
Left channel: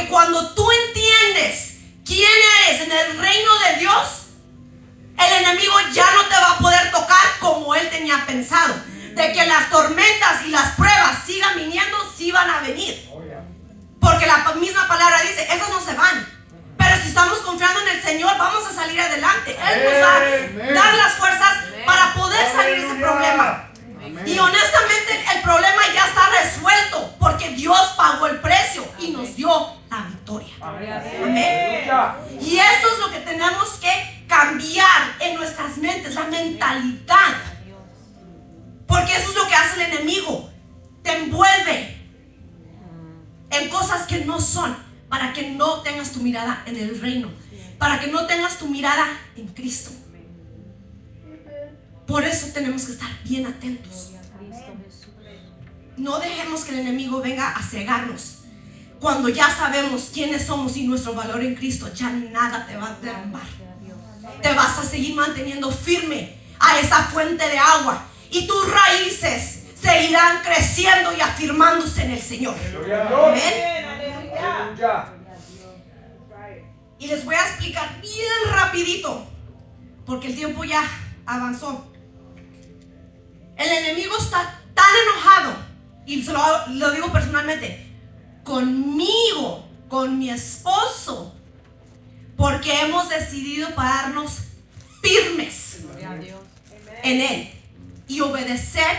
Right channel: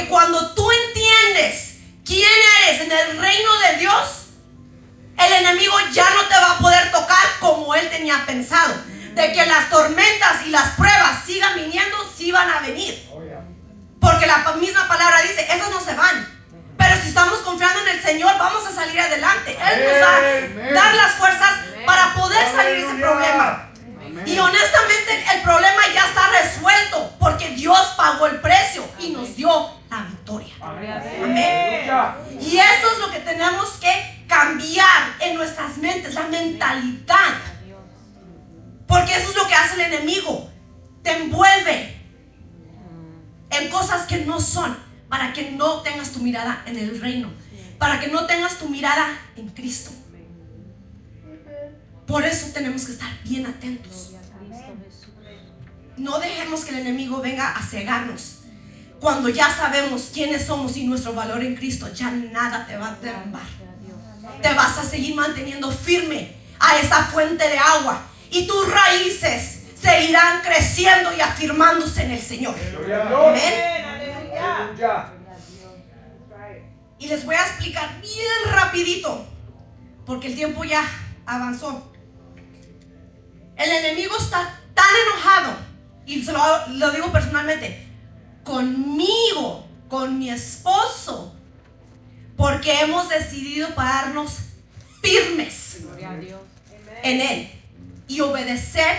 Porque cuando tú entiendes quién eres en el reino de Dios, el enemigo ya no te va a poder tocar como él tenía pensado. De que las tormentas y las pruebas sigan viniendo, sí van a venir. Porque la misma palabra dice, esos no se van. Pero si estamos confiando en el Señor, vamos a salir adelante. Él nos va a dar las fuerzas para poder salir de ese problema. Y honestamente el problema ya está resuelto porque Dios pagó el precio y nos dio la victoria. Amén. Y eso es lo que tenemos que cambiar en nuestras mentes, la mentalidad. Porque eso es lo que hace el enemigo. Te envuelve en cosas que no son, para que no tengas tu mirada en el reino, para que no tengas tu mirada en Cristo. Por eso tenemos que estar bien atentos. No dejemos que el enemigo venga a cegarnos. Cuando ya sabemos quiénes somos y nuestro valor en Cristo, ya nada te va a derrumbar. Te vas a seguir manteniendo firme a esa fuente de agua y tus raíces seguirán creciendo y afirmándose en el Señor. Amén. Y les voy a explicar bien rapidito, porque el tiempo ya avanzó. El enemigo está tan enojado, y lo digo personalmente, conmigo, con mi esposo, porque hemos decidido pararnos firmes en Él y obedecer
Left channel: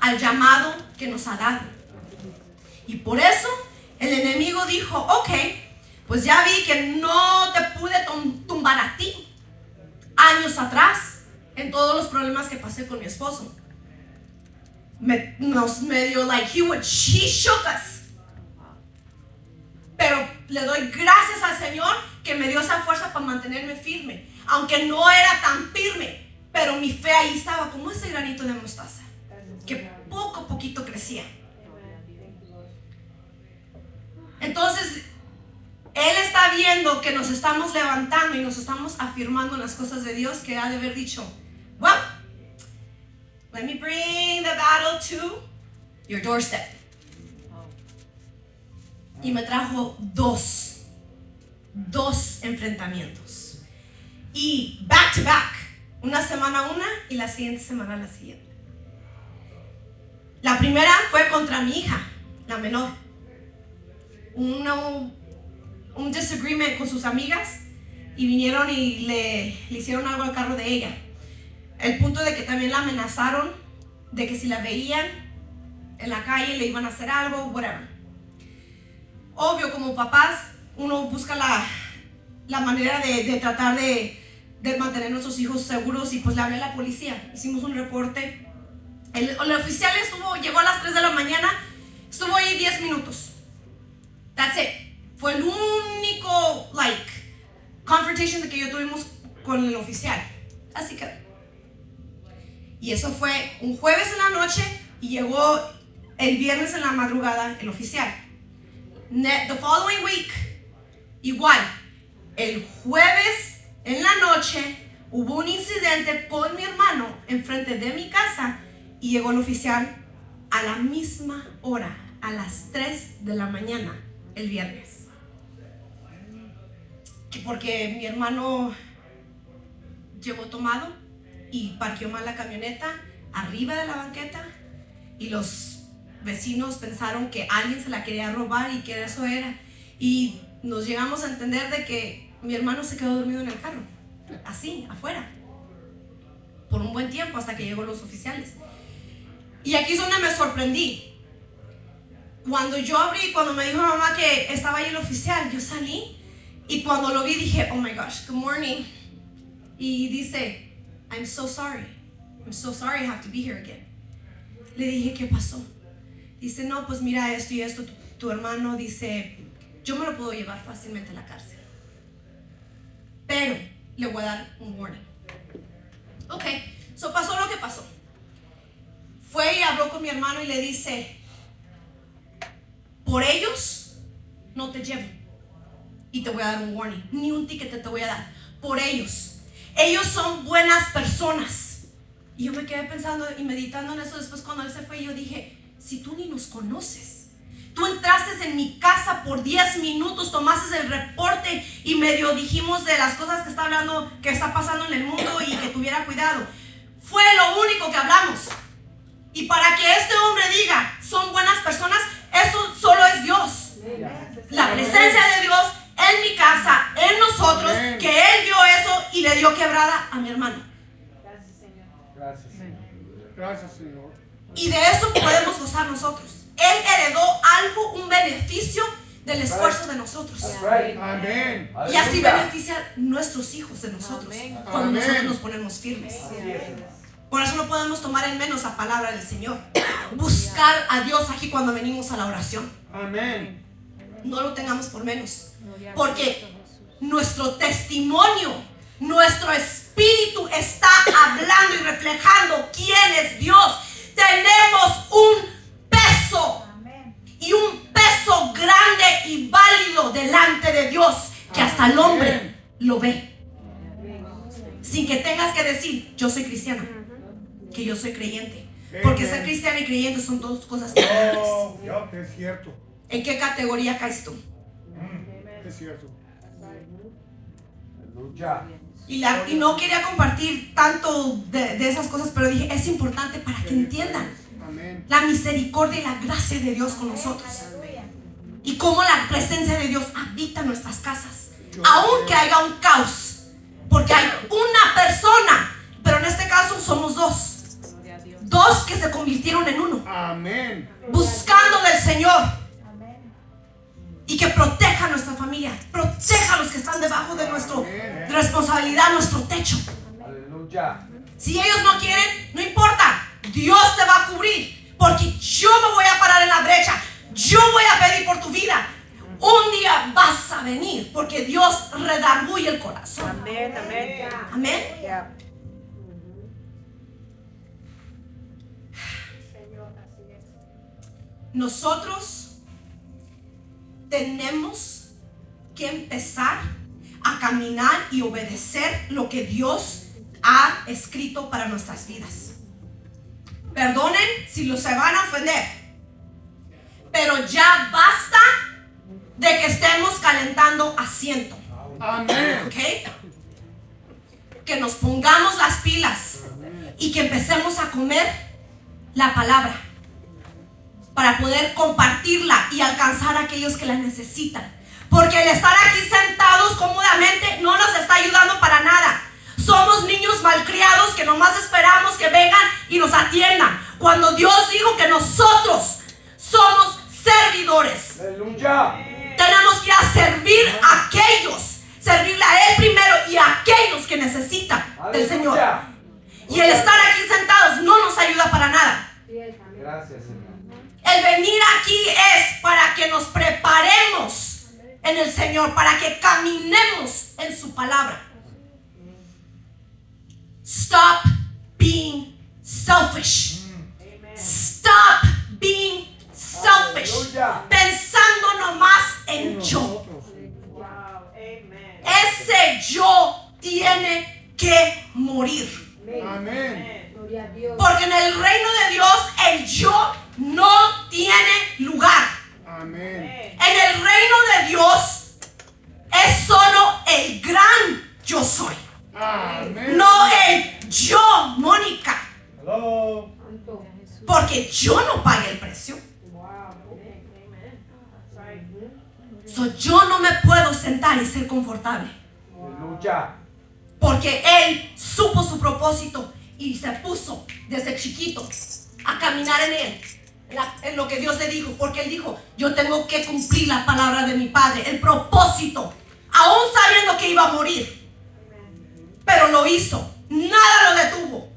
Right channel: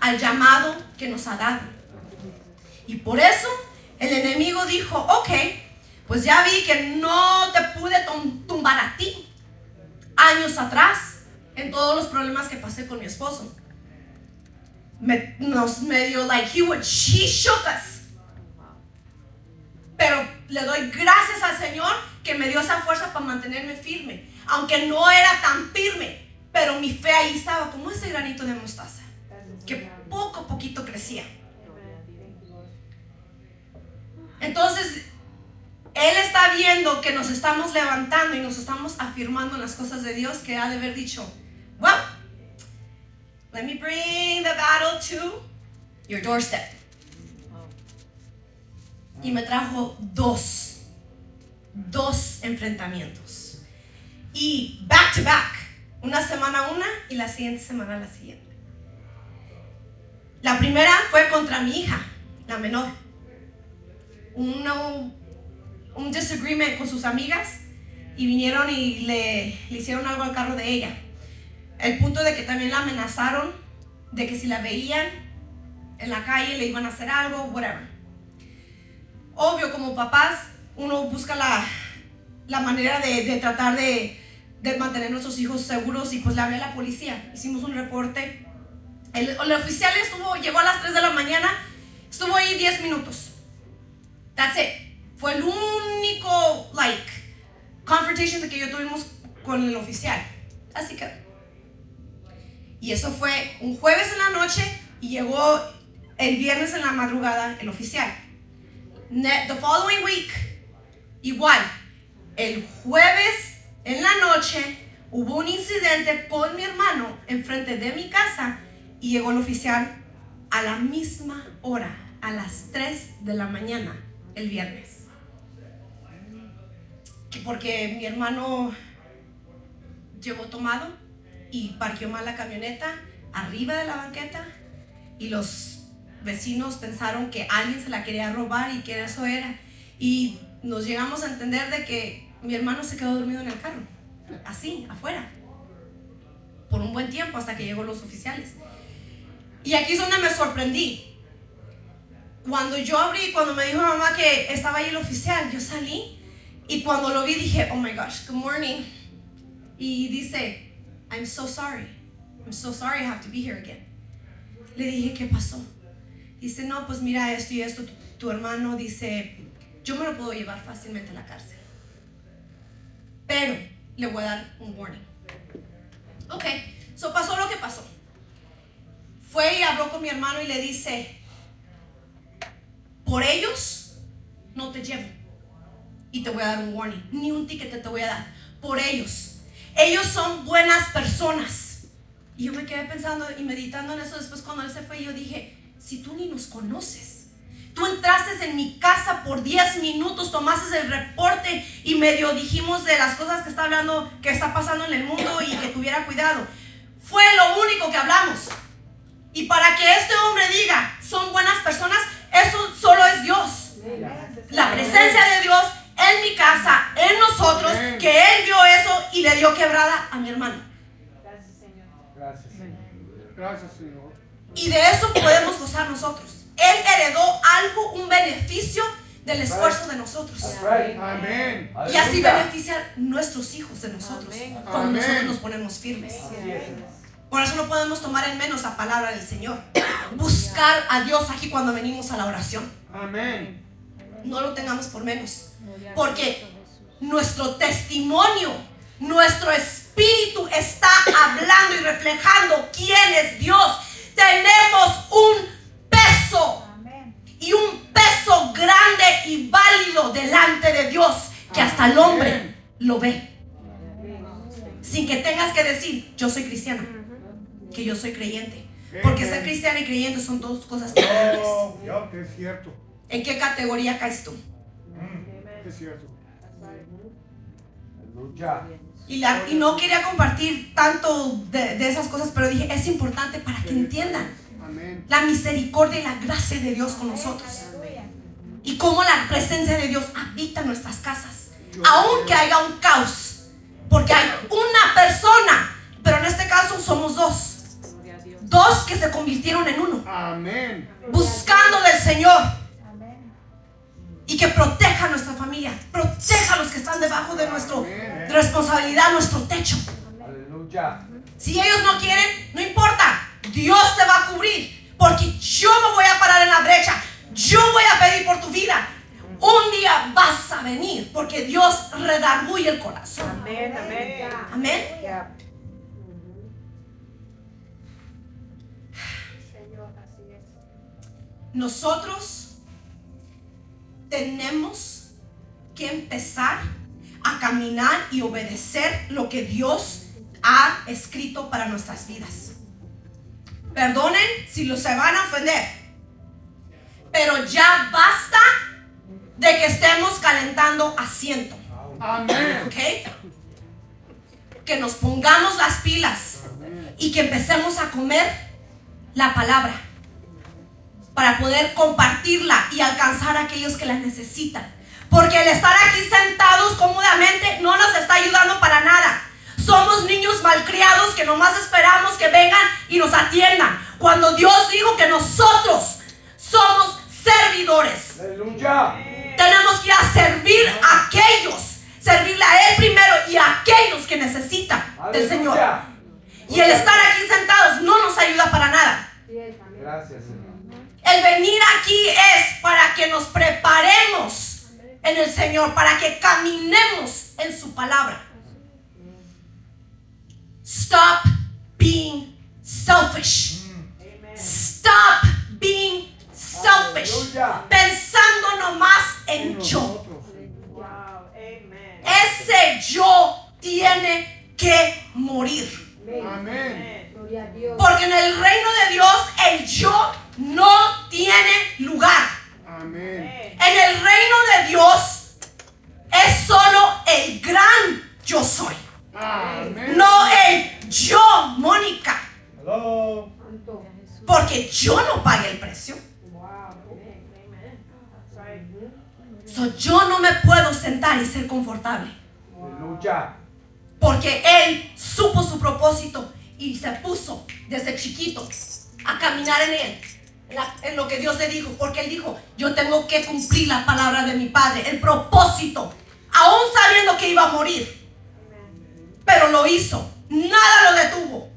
al llamado que nos ha dado. Y por eso el enemigo dijo, ok, pues ya vi que no te pude tumbar a ti años atrás en todos los problemas que pasé con mi esposo. Nos medio like he shook us. Pero le doy gracias al Señor que me dio esa fuerza para mantenerme firme. Aunque no era tan firme, pero mi fe ahí estaba como ese granito de mostaza, que poco a poquito crecía. Entonces, Él está viendo que nos estamos levantando y nos estamos afirmando en las cosas de Dios, que ha de haber dicho, well, let me bring the battle to your doorstep. Y me trajo dos enfrentamientos. Y back to back. Una semana una y la siguiente semana la siguiente. La primera fue contra mi hija, la menor. Un disagreement con sus amigas y vinieron y le hicieron algo al carro de ella. El punto de que también la amenazaron de que si la veían en la calle le iban a hacer algo, whatever. Obvio, como papás, uno busca la manera de tratar de mantener a nuestros hijos seguros y pues le hablé a la policía. Hicimos un reporte. El oficial llegó a las 3 de la mañana, estuvo ahí 10 minutos. That's it. Fue el único, confrontation que yo tuvimos con el oficial. Así que, y eso fue un jueves en la noche y llegó el viernes en la madrugada el oficial. The following week, igual, el jueves en la noche hubo un incidente con mi hermano enfrente de mi casa y llegó el oficial a la misma hora, a las 3 de la mañana, el viernes. Porque mi hermano llegó tomado y parqueó mal la camioneta arriba de la banqueta y los vecinos pensaron que alguien se la quería robar y que eso era. Y nos llegamos a entender de que mi hermano se quedó dormido en el carro, así, afuera, por un buen tiempo hasta que llegó los oficiales. Y aquí es donde me sorprendí. Cuando yo abrí, cuando me dijo mamá que estaba ahí el oficial, yo salí y cuando lo vi dije, oh my gosh, good morning. Y dice, I'm so sorry I have to be here again. Le dije, ¿qué pasó? Dice, no, pues mira esto y esto, tu hermano dice, yo me lo puedo llevar fácilmente a la cárcel, pero le voy a dar un warning. Ok, so pasó lo que pasó. Fue y habló con mi hermano y le dice, por ellos no te llevo y te voy a dar un warning, ni un ticket te voy a dar, por ellos son buenas personas. Y yo me quedé pensando y meditando en eso. Después cuando él se fue yo dije, si tú ni nos conoces, Tú entraste en mi casa por 10 minutos, tomaste el reporte y medio dijimos de las cosas que está hablando, que está pasando en el mundo y que tuviera cuidado. Fue lo único que hablamos. Y para que este hombre diga, son buenas personas, eso solo es Dios. La presencia de Dios en mi casa, en nosotros, que Él dio eso y le dio quebrada a mi hermano. Gracias, Señor. Gracias, Señor. Gracias, Señor. Y de eso podemos gozar nosotros. Él heredó algo, un beneficio del esfuerzo de nosotros. Amén. Y así beneficia nuestros hijos de nosotros, cuando nosotros nos ponemos firmes. Por eso no podemos tomar en menos la palabra del Señor. Buscar a Dios aquí cuando venimos a la oración. Amén. No lo tengamos por menos. Porque nuestro testimonio, nuestro espíritu está hablando y reflejando quién es Dios. Tenemos un peso y un peso grande y válido delante de Dios que hasta el hombre lo ve. Sin que tengas que decir, yo soy cristiano, que yo soy creyente. Porque ser cristiano y creyente son dos cosas diferentes. Es cierto. ¿En qué categoría caes tú? Es cierto. Y no quería compartir tanto de esas cosas, pero dije, es importante para que entiendan Amén. la misericordia y la gracia de Dios con nosotros. Y cómo la presencia de Dios habita en nuestras casas. Aunque haya un caos. Porque hay una persona, pero en este caso somos dos. Dos que se convirtieron en uno. Amén. Buscando del Señor. Y que proteja a nuestra familia. Proteja a los que están debajo de nuestra responsabilidad, nuestro techo. Aleluya. Si ellos no quieren, no importa. Dios te va a cubrir. Porque yo me voy a parar en la brecha. Yo voy a pedir por tu vida. Un día vas a venir. Porque Dios redarguye el corazón. Amén, amén. Amén. Nosotros tenemos que empezar a caminar y obedecer lo que Dios ha escrito para nuestras vidas. Perdonen si los se van a ofender, pero ya basta de que estemos calentando asiento. Amén. ¿Ok? Que nos pongamos las pilas y que empecemos a comer la palabra para poder compartirla y alcanzar a aquellos que la necesitan. Porque el estar aquí sentados cómodamente no nos está ayudando para nada. Somos niños malcriados que nomás esperamos que vengan y nos atiendan. Cuando Dios dijo que nosotros somos servidores. Aleluya. Tenemos que ir a servir a aquellos, servirle a Él primero y a aquellos que necesitan del Señor. Y el estar aquí sentados no nos ayuda para nada. Gracias, Señor. El venir aquí es para que nos preparemos en el Señor, para que caminemos en su palabra. Stop being selfish. Stop being selfish. Pensando nomás en yo. Wow, amen. Ese yo tiene que morir. Amén. Gloria a Dios. Porque en el reino de Dios el yo no tiene lugar. Amén. En el reino de Dios es solo el gran yo soy. Amén. No el yo, Mónica. Hello. Santo. Porque yo no pagué el precio. Wow, amen, amen. That's right. So, yo no me puedo sentar y ser confortable. Aleluya. Porque Él supo su propósito y se puso desde chiquito a caminar en Él. En lo que Dios le dijo. Porque Él dijo, yo tengo que cumplir la palabra de mi Padre. El propósito. Aún sabiendo que iba a morir. Pero lo hizo. Nada lo detuvo.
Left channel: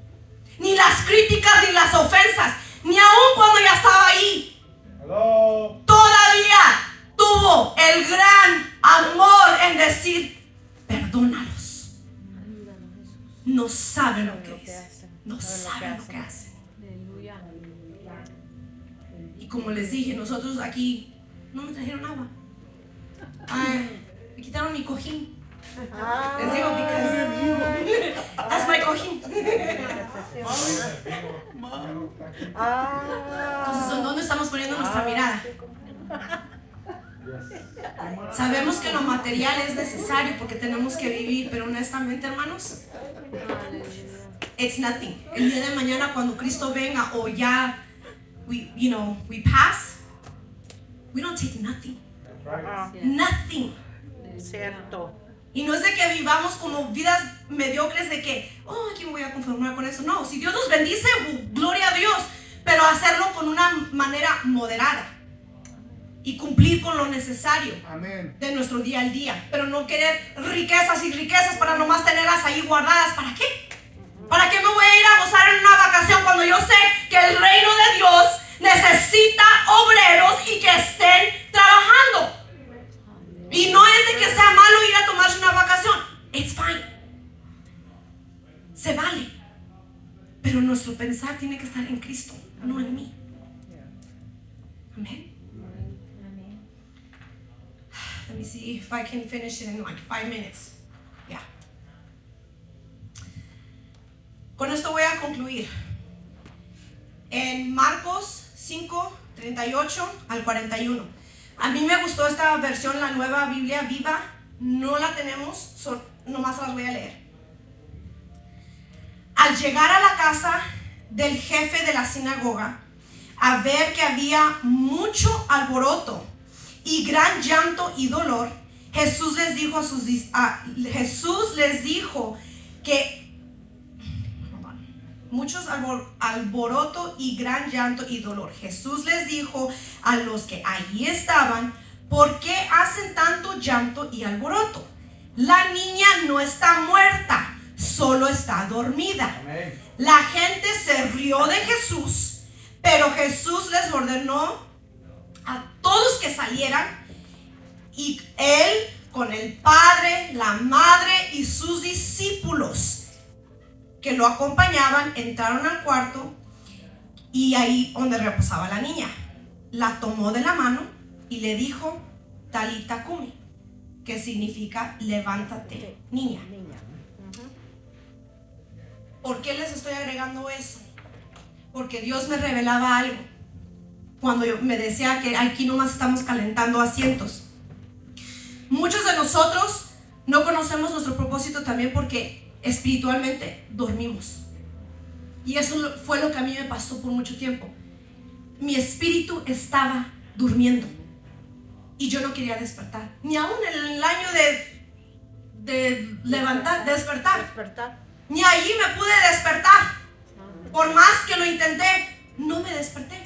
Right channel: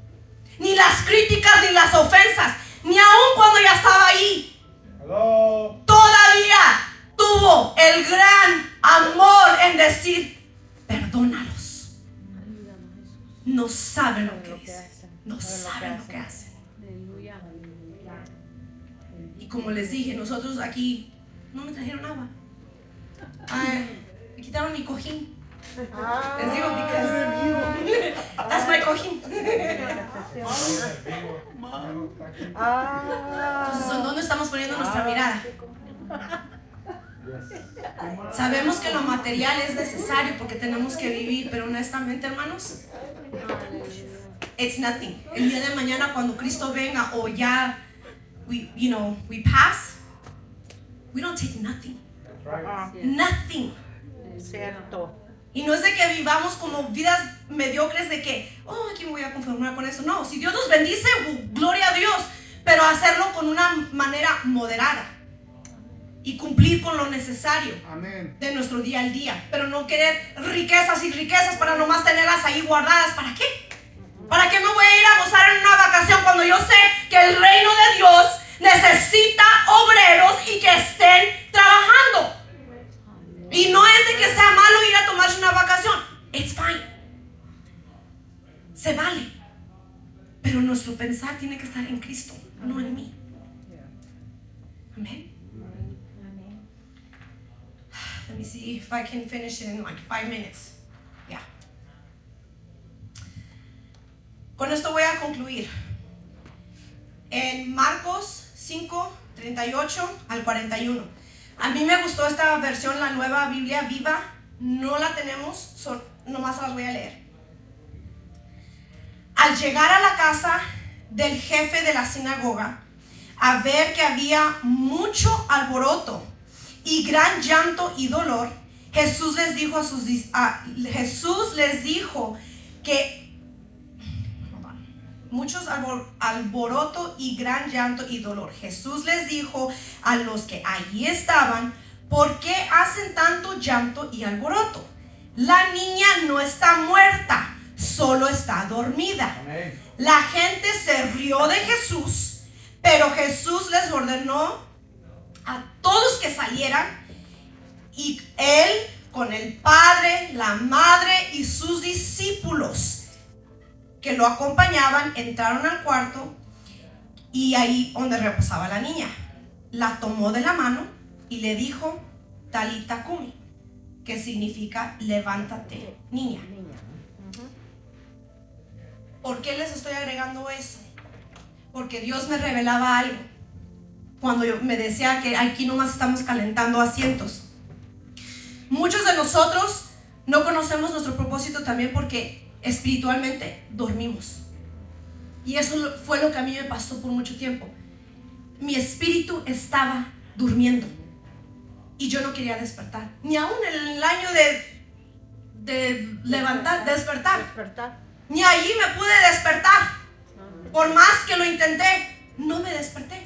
Ni las críticas ni las ofensas. Ni aún cuando ya estaba ahí. Hello. Todavía tuvo el gran amor en decir, perdónalos. No saben lo que es. No saben lo que hacen. Y como les dije, nosotros aquí no me trajeron agua. Ay, me quitaron mi cojín. Les digo, because that's my cojín. Entonces, ¿en dónde estamos poniendo nuestra mirada? Yes. Sabemos que lo material es necesario porque tenemos que vivir, pero honestamente, hermanos, it's nothing. El día de mañana cuando Cristo venga o ya we pass, we don't take nothing. Nothing. Cierto. Y no es de que vivamos como vidas mediocres de que, aquí me voy a conformar con eso. No, si Dios nos bendice, gloria a Dios, pero hacerlo con una manera moderada y cumplir con lo necesario Amén. de nuestro día al día, pero no querer riquezas y riquezas para nomás tenerlas ahí guardadas. ¿Para qué? ¿Para qué me voy a ir a gozar en una vacación cuando yo sé que el reino de Dios necesita obreros y que estén trabajando? Y no es de que sea malo ir a tomarse una vacación. It's fine. Se vale. Pero nuestro pensar tiene que estar en Cristo, no en mí. Amén. Let me see if I can finish it in like 5 minutes. Yeah. Con esto voy a concluir. En Marcos 5, 38 al 41. A mí me gustó esta versión, la Nueva Biblia Viva. No la tenemos, nomás las voy a leer. Al llegar a la casa del jefe de la sinagoga, a ver que había mucho alboroto y gran llanto y dolor, Jesús les dijo que muchos alboroto y gran llanto y dolor. Jesús les dijo a los que allí estaban: ¿por qué hacen tanto llanto y alboroto? La niña no está muerta, solo está dormida. Amén. La gente se rió de Jesús, pero Jesús les ordenó a todos que salieran, y él con el padre, la madre y sus discípulos que lo acompañaban entraron al cuarto, y ahí donde reposaba la niña, la tomó de la mano y le dijo: Talita cumi, que significa levántate, niña. ¿Por qué les estoy agregando eso? Porque Dios me revelaba algo cuando me decía que aquí nomás estamos calentando asientos. Muchos de nosotros no conocemos nuestro propósito también porque espiritualmente dormimos. Y eso fue lo que a mí me pasó por mucho tiempo. Mi espíritu estaba durmiendo y yo no quería despertar, ni aún en el año de despertar, ni allí me pude despertar. Por más que lo intenté, no me desperté.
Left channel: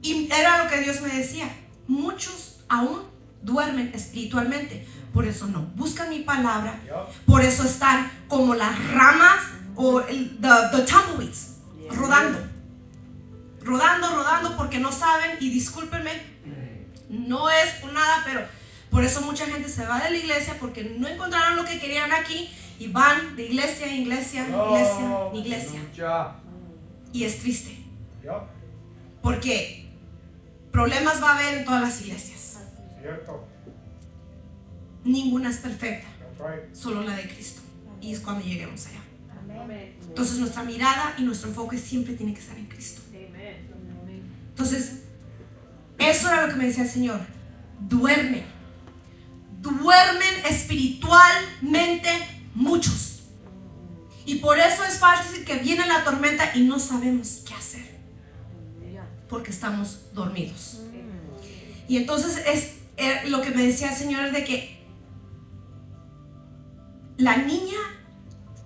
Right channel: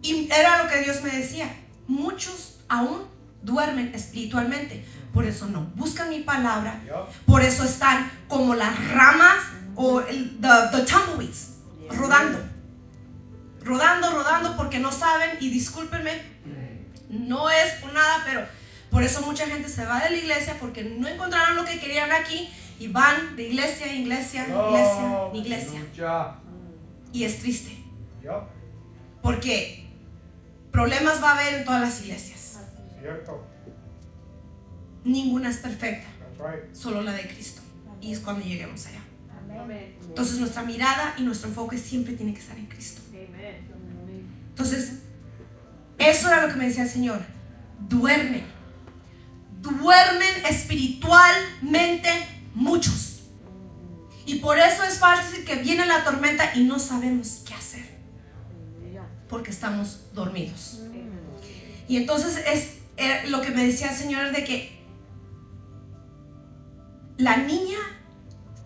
Y era lo que Dios me decía: muchos aún duermen espiritualmente, por eso no buscan mi palabra, por eso están como las ramas o the tumbleweeds, rodando porque no saben. Y discúlpenme, no es por nada, pero por eso mucha gente se va de la iglesia, porque no encontraron lo que querían aquí y van de iglesia en iglesia, Aleluya. y es triste, porque problemas va a haber en todas las iglesias. Cierto. Ninguna es perfecta, That's right. solo la de Cristo, y es cuando lleguemos allá. Amén. Entonces nuestra mirada y nuestro enfoque siempre tiene que estar en Cristo. Entonces eso era lo que me decía el Señor: duermen espiritualmente muchos, y por eso es fácil que viene la tormenta y no sabemos qué hacer, porque estamos dormidos. Y entonces lo que me decía el Señor es de que la niña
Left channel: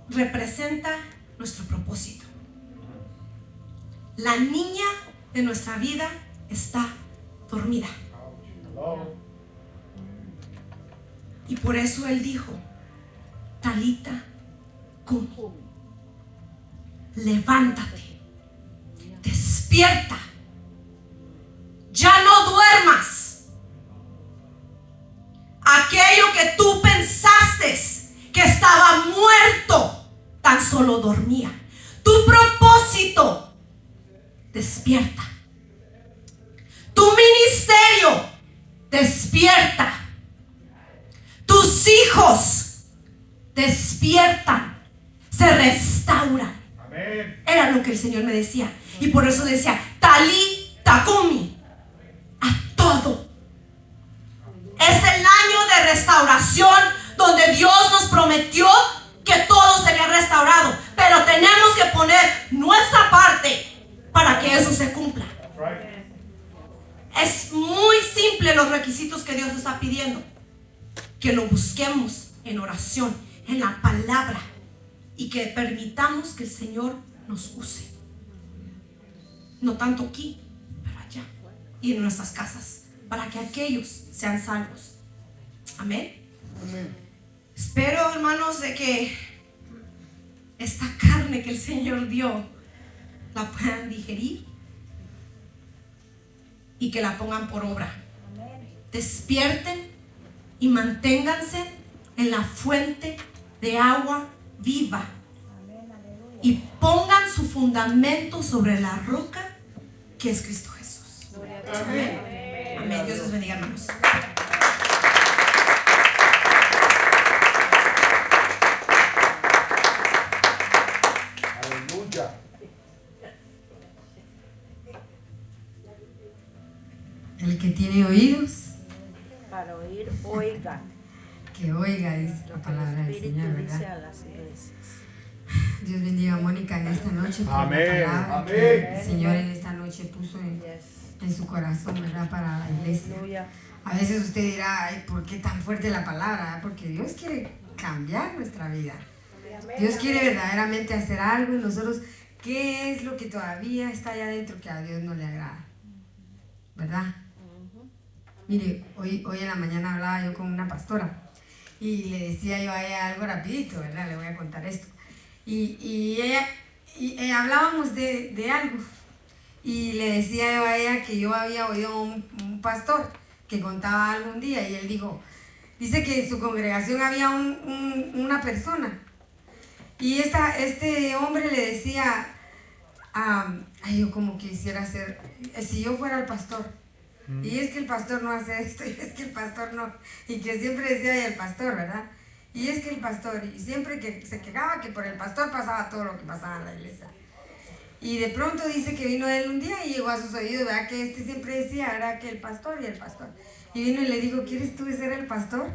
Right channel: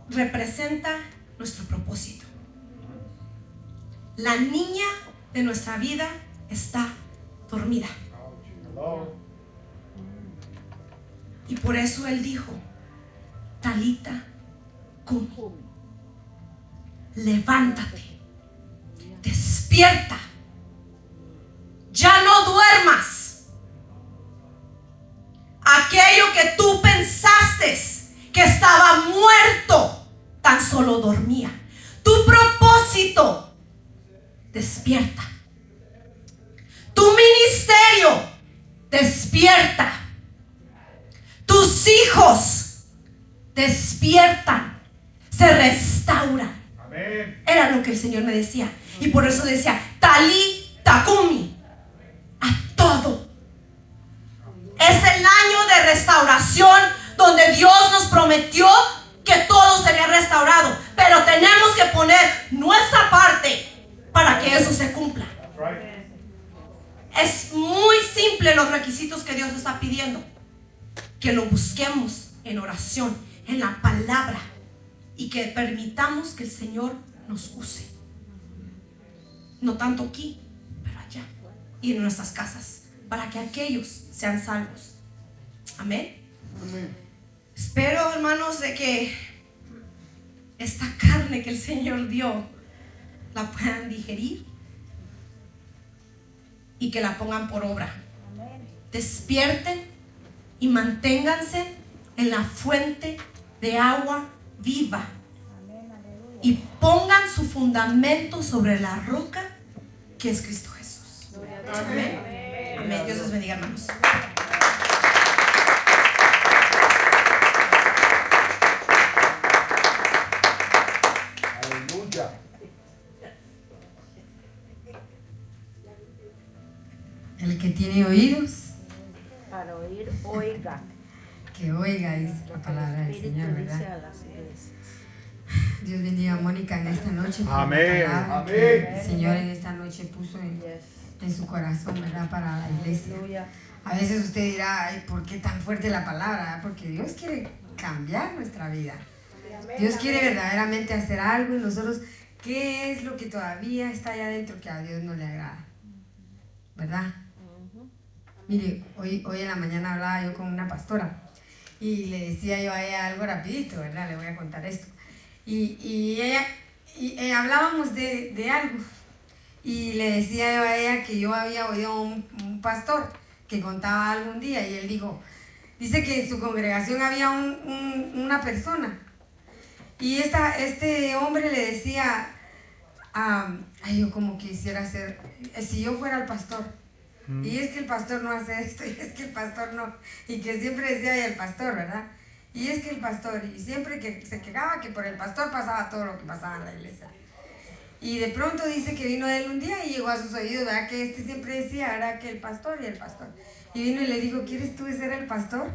representa nuestro propósito. La niña de nuestra vida está dormida, Hello. y por eso Él dijo: Talita cumi, levántate, despierta, ya no duermas. Aquello que tú pensaste que estaba muerto, tan solo dormía. Tu propósito, despierta. Tu ministerio, despierta. Tus hijos despiertan, se restauran. Amén. Era lo que el Señor me decía. Y por eso decía: Talita cumi, simple los requisitos que Dios está pidiendo. Que lo busquemos en oración, en la palabra, y que permitamos que el Señor nos use. No tanto aquí, pero allá y en nuestras casas, para que aquellos sean salvos. Amén. Espero, hermanos, de que esta carne que el Señor dio la puedan digerir y que la pongan por obra. Despierten y manténganse en la fuente de agua viva y pongan su fundamento sobre la roca que es Cristo Jesús. Amén. Amén. Dios les bendiga, hermanos. Aleluya. El que tiene oídos, Para oír, oiga. que oiga, dice la palabra del Espíritu Señor, dice ¿verdad? a las iglesias. Dios bendiga a Mónica en esta noche. por la Amén. palabra Amén. que el Señor en esta noche puso Yes. en su corazón, ¿verdad? Para la iglesia. Aleluya. A veces usted dirá, ay, ¿por qué tan fuerte la palabra? Porque Dios quiere cambiar nuestra vida. Dios quiere verdaderamente hacer algo en nosotros. ¿Qué es lo que todavía está allá adentro que a Dios no le agrada? ¿Verdad? Mire, hoy en la mañana hablaba yo con una pastora y le decía yo a ella algo rapidito, ¿verdad? Le voy a contar esto. Y hablábamos de algo y le decía yo a ella que yo había oído un pastor que contaba algo un día y él dice que en su congregación había una persona y este hombre le decía, ay, yo como quisiera ser, si yo fuera el pastor. Y es que el pastor no hace esto, y es que el pastor no, y que siempre decía "Ay, el pastor", ¿verdad? Y es que el pastor, y siempre que se quejaba que por el pastor pasaba todo lo que pasaba en la iglesia. Y de pronto dice que vino él un día y llegó a sus oídos, ¿verdad? Que siempre decía, era que el pastor y el pastor. Y vino y le dijo, ¿quieres tú ser el pastor?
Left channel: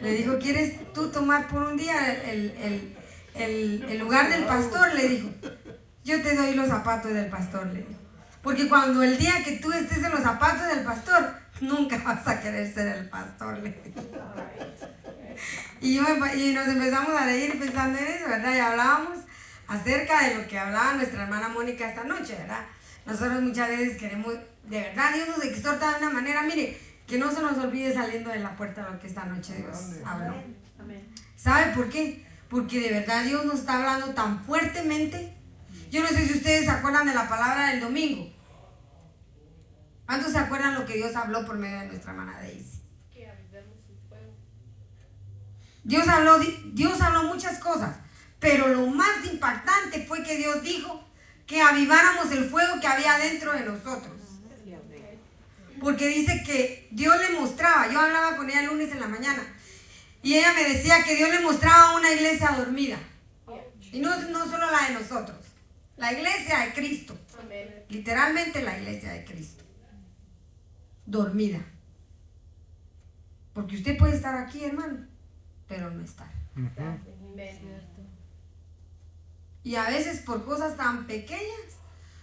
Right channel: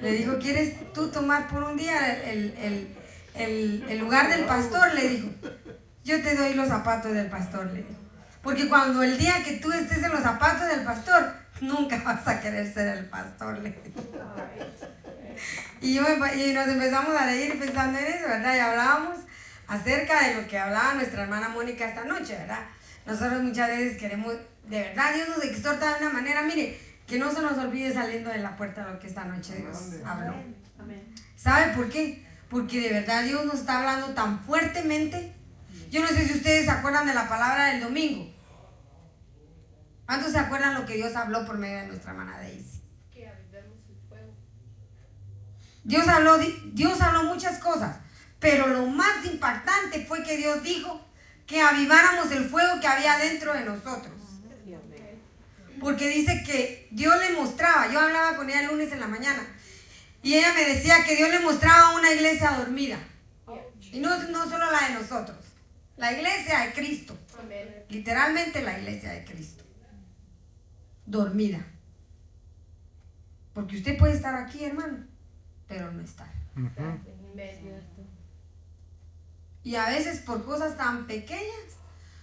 Le dijo, ¿quieres tú tomar por un día el lugar del pastor? Le dijo, yo te doy los zapatos del pastor, le dijo. Porque cuando el día que tú estés en los zapatos del pastor, nunca vas a querer ser el pastor, le dijo. Y nos empezamos a reír pensando en eso, ¿verdad? Y hablábamos acerca de lo que hablaba nuestra hermana Mónica esta noche, ¿verdad? Nosotros muchas veces queremos, de verdad, Dios nos exhorta de una manera, mire, que no se nos olvide saliendo de la puerta lo que esta noche Dios habla. ¿Sabe por qué? Porque de verdad Dios nos está hablando tan fuertemente. Yo no sé si ustedes se acuerdan de la palabra del domingo. ¿Cuántos se acuerdan lo que Dios habló por medio de nuestra hermana Daisy? Dios habló muchas cosas, pero lo más impactante fue que Dios dijo que aviváramos el fuego que había dentro de nosotros. Porque dice que Dios le mostraba, yo hablaba con ella el lunes en la mañana, y ella me decía que Dios le mostraba una iglesia dormida. Y no solo la de nosotros, la iglesia de Cristo. Literalmente la iglesia de Cristo. Dormida. Porque usted puede estar aquí, hermano, pero no estar. Y a veces por cosas tan pequeñas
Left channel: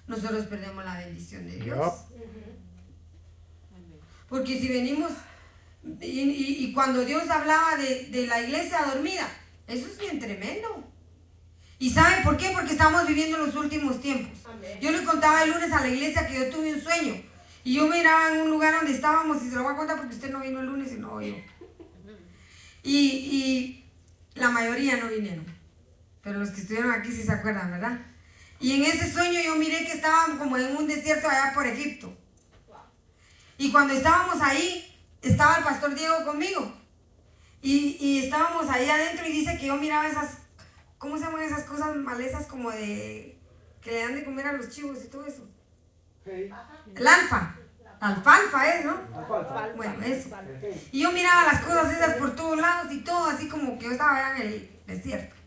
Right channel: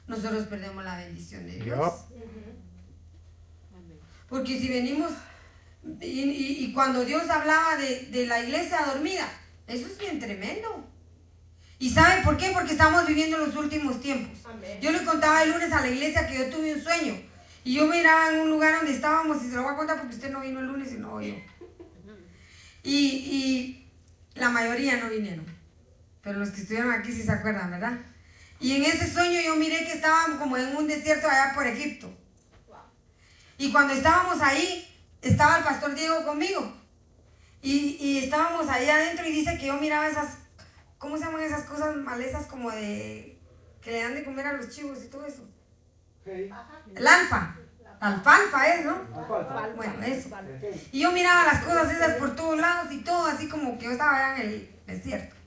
nosotros perdemos la bendición de Dios. Porque si venimos y cuando Dios hablaba de la iglesia dormida, eso es bien tremendo. ¿Y saben por qué? Porque estamos viviendo los últimos tiempos. Yo le contaba el lunes a la iglesia que yo tuve un sueño y yo miraba en un lugar donde estábamos, y se lo voy a contar porque usted no vino el lunes y no oyó. Y la mayoría no vinieron, pero los que estuvieron aquí sí se acuerdan, ¿verdad? Y en ese sueño yo miré que estábamos como en un desierto allá por Egipto. Y cuando estábamos ahí, estaba el pastor Diego conmigo. Y estábamos ahí adentro y dice que yo miraba esas, ¿cómo se llaman esas cosas malezas como de, que le dan de comer a los chivos y todo eso? El alfalfa es, ¿no? Bueno, eso. Y yo miraba las cosas esas por todos lados y todo así como que yo estaba allá en el desierto.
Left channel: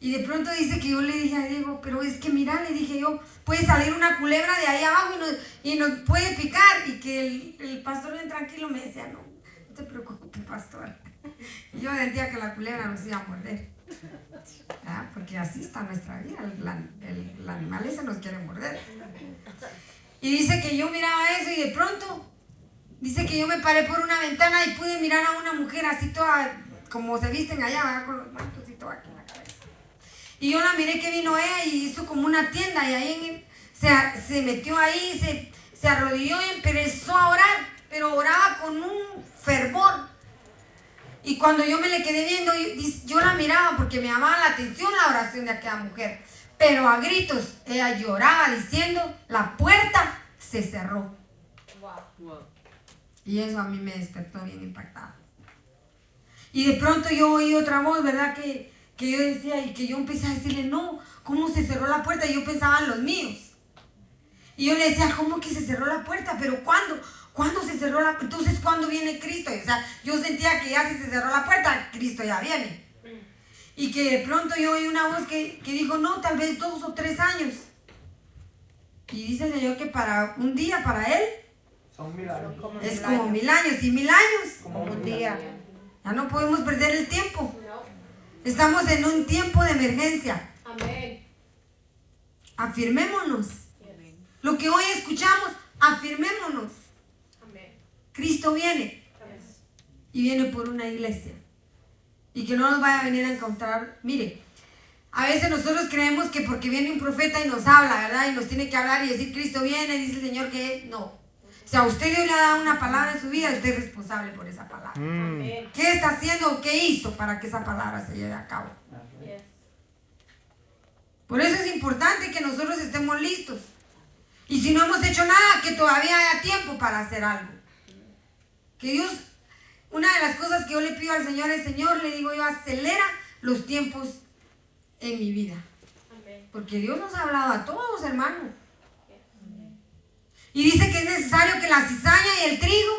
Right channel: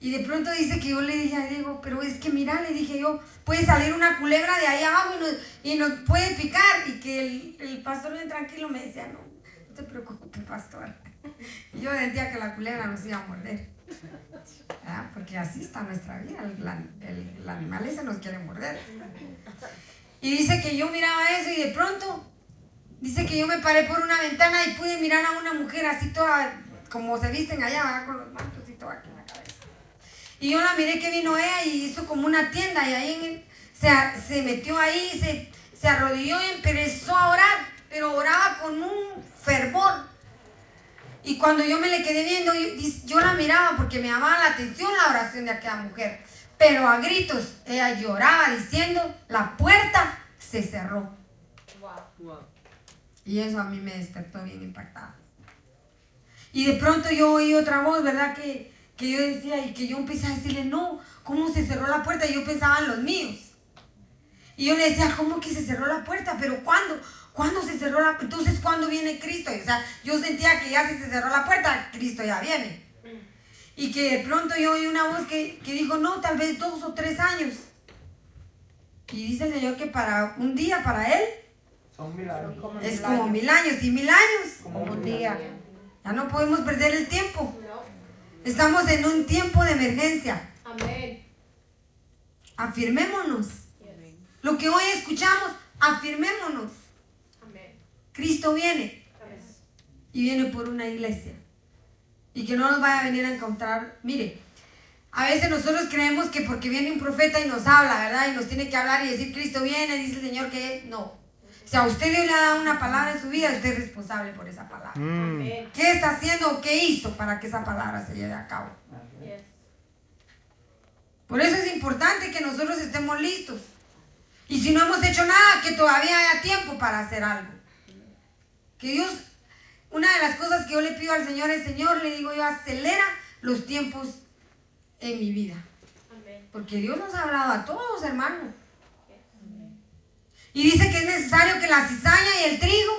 Y de pronto dice que yo le dije a Diego, pero es que mira, le dije yo, puede salir una culebra de ahí abajo y nos puede picar. Y que el pastor bien tranquilo me decía, no te preocupes, pastor. Y yo sentía que la culebra nos iba a morder. ¿Ah? Porque así está nuestra vida, la animaleza nos quiere morder. Y dice que yo miraba eso y de pronto Dice que yo me paré por una ventana y pude mirar a una mujer así toda, como se visten allá, ¿verdad? Con los mantos y todo aquí en la cabeza. Y yo la miré que vino ella y hizo como una tienda y ahí se metió ahí, se arrodilló y empezó a orar, pero oraba con un fervor. Y cuando yo me le quedé viendo, yo la miraba porque me llamaba la atención la oración de aquella mujer. Pero a gritos, ella lloraba diciendo, la puerta se cerró. Y eso a mí me despertó bien impactada. Y de pronto yo oí otra voz, ¿verdad? Que yo decía, y que yo empecé a decirle, no, ¿cómo se cerró la puerta? Y yo pensaba en los míos. Y yo le decía, ¿cómo que se cerró la puerta? ¿Pero cuándo? ¿Cuándo se cerró la puerta? Entonces, ¿cuándo viene Cristo? O sea, yo sentía que ya si se cerró la puerta, Cristo ya viene. Y que de pronto yo oí una voz que dijo, no, tal vez 2 o 3 años. Y dice el Señor que para un día, para Él, Son 1000 años. es como 1000 años. Y 1000 años, Como un día. ya no podemos perder el tiempo. Estamos en un tiempo de emergencia. Amén. Afirmémonos. Lo que hoy escuchamos, afirmémonos. Cristo viene. Y viene por una iglesia. Y que no nos vaya a venir a encontrar. Mire, a veces nosotros creemos que porque viene un profeta y nos habla, ¿verdad? Y nos tiene que hablar y decir, Cristo viene, dice el Señor que no. O sea, usted hoy le ha dado una palabra en su vida y usted es responsable por esa palabra. ¿Qué está haciendo o qué hizo para que esa palabra se lleve a cabo? Por eso es importante que nosotros estemos listos. Y si no hemos hecho nada, que todavía haya tiempo para hacer algo. Que Dios, una de las cosas que yo le pido al Señor es, Señor, le digo yo, acelera los tiempos en mi vida. Porque Dios nos ha hablado a todos, hermano. Y dice que es necesario que la cizaña y el trigo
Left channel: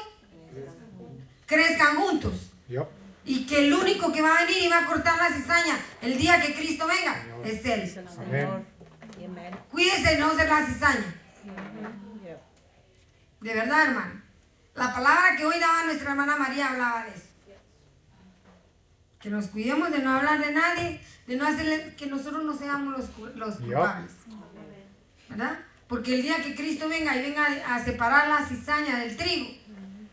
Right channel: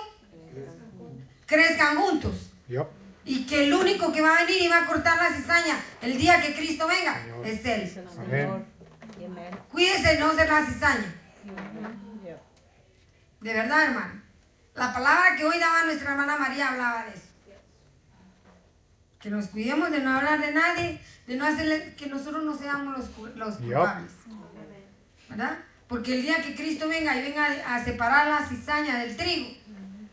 crezcan juntos. Yep. Y que el único que va a venir y va a cortar la cizaña el día que Cristo venga es Él. Amén. Cuídese de no ser la cizaña. De verdad, hermano. La palabra que hoy daba nuestra hermana María hablaba de eso. Que nos cuidemos de no hablar de nadie, de no hacerle que nosotros no seamos los culpables. ¿Verdad? Porque el día que Cristo venga y venga a separar la cizaña del trigo,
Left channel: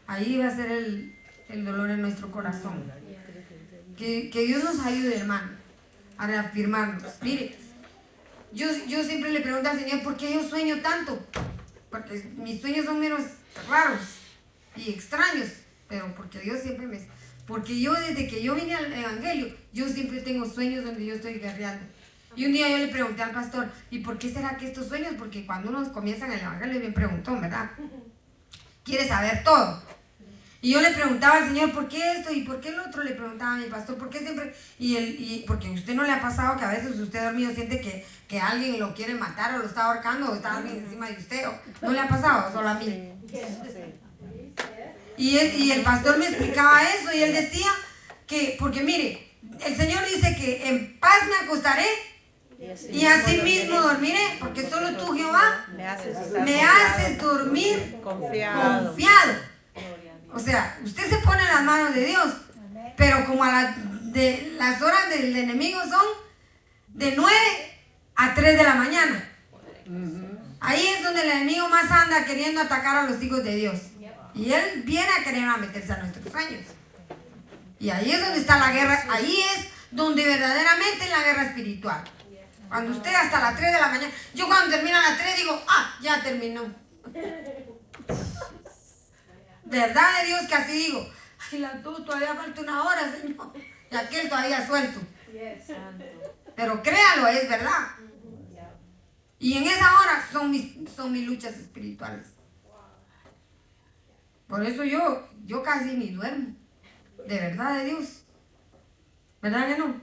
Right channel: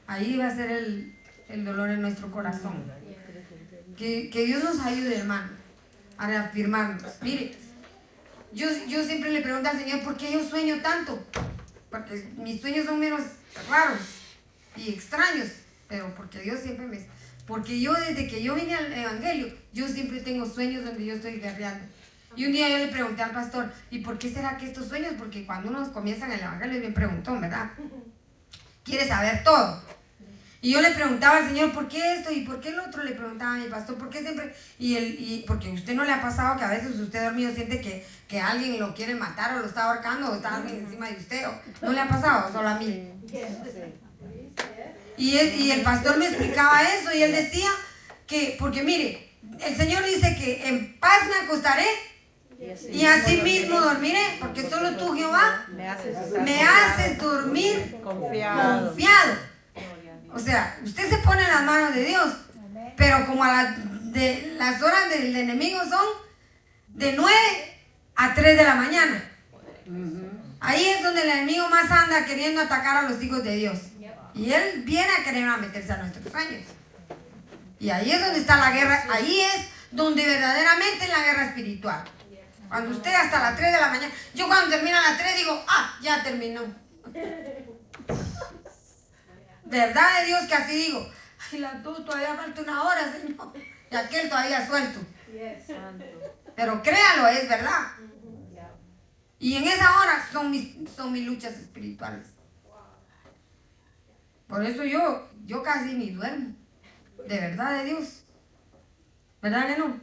ahí va a ser el dolor en nuestro corazón. Que Dios nos ayude, hermano, a reafirmarnos. Mire, yo siempre le pregunto al Señor, ¿por qué yo sueño tanto? Porque mis sueños son menos raros y extraños, pero porque Dios siempre me... Porque yo desde que yo vine al Evangelio, yo siempre tengo sueños donde yo estoy guerreando. Y un día yo le pregunté al pastor, ¿y por qué será que estos sueños? Porque cuando uno comienza en el Evangelio es bien preguntón, ¿verdad? Quiere saber todo. Y yo le preguntaba al Señor, ¿por qué esto? ¿Y por qué el otro? Le preguntaba a mi pastor, ¿por qué siempre? Y porque a usted no le ha pasado que a veces usted dormido siente que alguien lo quiere matar o lo está ahorcando o está alguien encima de usted. ¿No le ha pasado? Solo a mí. Y el pastor me explicaba eso y él decía que, porque mire, el Señor dice que en paz me acostaré y así mismo dormiré, porque solo tú, Jehová, me haces dormir confiado. O sea, usted se pone en las manos de Dios, pero como las horas del enemigo son de 9 a 3 de la mañana. Ahí es donde el enemigo más anda queriendo atacar a los hijos de Dios. Y él viene a querer meterse a nuestros sueños. Y ahí es donde está la guerra, ahí es donde verdaderamente es la guerra espiritual. Cuando usted hasta las 3 de la mañana, yo cuando termina a las 3 digo, ya terminó. Verdad de Dios que así digo, ay, las 2 todavía falta 1 hora, Señor. Y aquel todavía suelto. Pero créalo, es verdad. Y en esa hora son mis luchas espirituales. Por eso yo casi ni duermo. De verdad de Dios. ¿Verdad que no?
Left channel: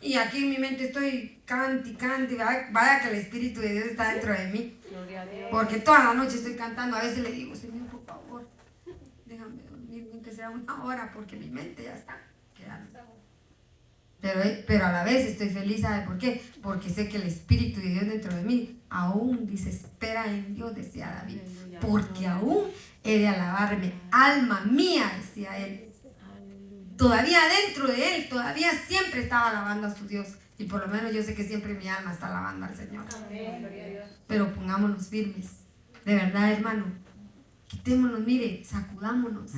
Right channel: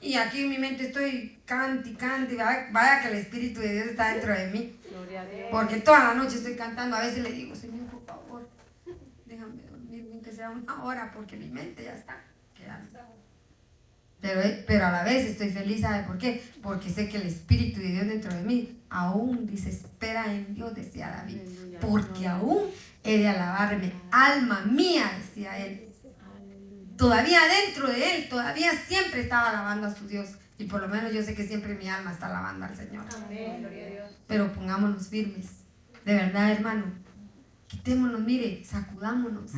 Y aquí en mi mente estoy cante, vaya que el Espíritu de Dios está dentro de mí. Porque toda la noche estoy cantando. A veces le digo, Señor, por favor, déjame dormir, aunque sea 1 hora, porque mi mente ya está quedando. Pero a la vez estoy feliz, ¿sabe por qué? Porque sé que el Espíritu de Dios dentro de mí aún dice, espera en Dios, decía David. Porque aún he de alabarme, alma mía, decía él. Todavía dentro de él, todavía siempre estaba alabando a su Dios. Y por lo menos yo sé que siempre mi alma está alabando al Señor. Pero pongámonos firmes. De verdad, hermano. Quitémonos, mire, sacudámonos.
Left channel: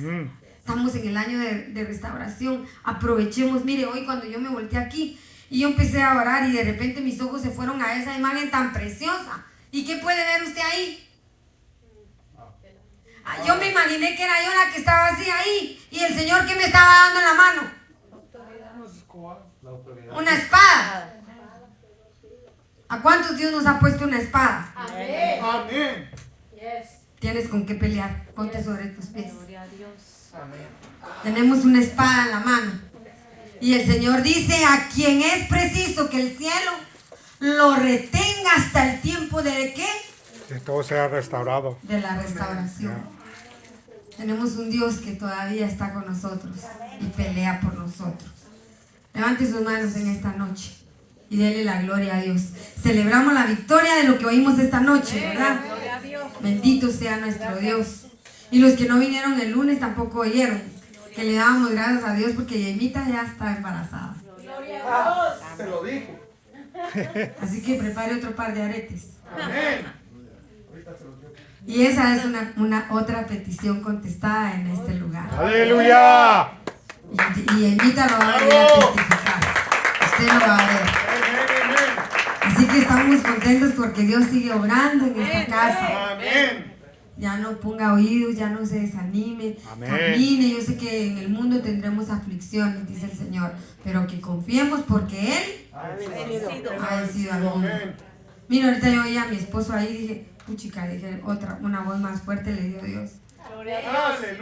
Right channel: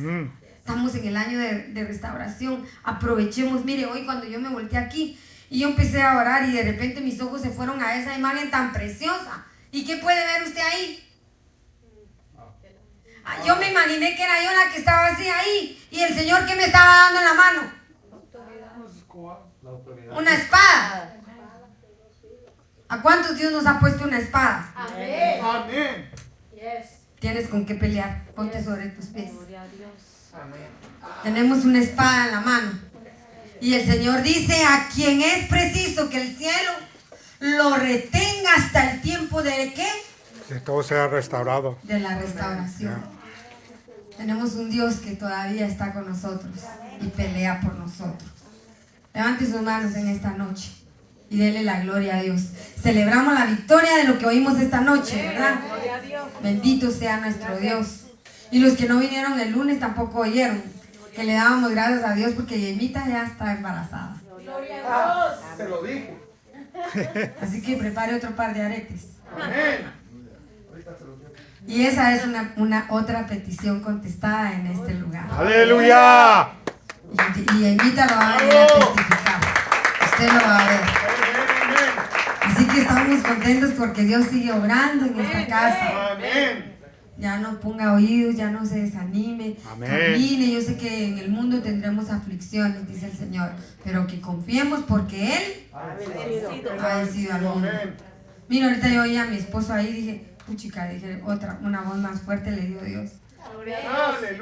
Estamos en el año de restauración. Aprovechemos. Mire, hoy cuando yo me volteé aquí y yo empecé a orar y de repente mis ojos se fueron a esa imagen tan preciosa. ¿Y qué puede ver usted ahí? Yo me imaginé que era yo la que estaba así ahí y el Señor que me estaba dando en la mano. Una espada. ¿A cuántos Dios nos ha puesto una espada? Amén. Amén. Tienes con qué pelear. Ponte sobre tus pies. Tenemos una espada en la mano. Y el Señor dice: a quien es preciso que el cielo lo retenga hasta el tiempo de ¿qué? Que todo sea restaurado. De la restauración. Tenemos un Dios que todavía está con nosotros y pelea por nosotros. Levante sus manos en esta noche y dele la gloria a Dios. Celebramos la victoria de lo que oímos esta noche, ¿verdad? Bendito sea nuestro Dios. Y los que no vinieron el lunes tampoco oyeron que le dábamos gracias a Dios porque Yemita ya está embarazada. Te lo dijo. Así que prepare otro par de aretes. Amén. Ahorita te lo digo. Y esa es una otra petición contestada en este lugar. ¡Aleluya! Y Yemita lo va a venir a testificar. Usted lo va a ver. Así que estamos contentos porque Dios sigue obrando en esta casa. Amén. Ya no ponga oídos, ya no se desanime. Amén. Camine. Yo sé que en el mundo tendremos aflicciones, dice el Señor, pero que confiemos porque Él ha vencido al mundo. Mira, ahorita yo oí a mi esposo ahí y dije, puchica, dije una voz más fuerte le dio Dios.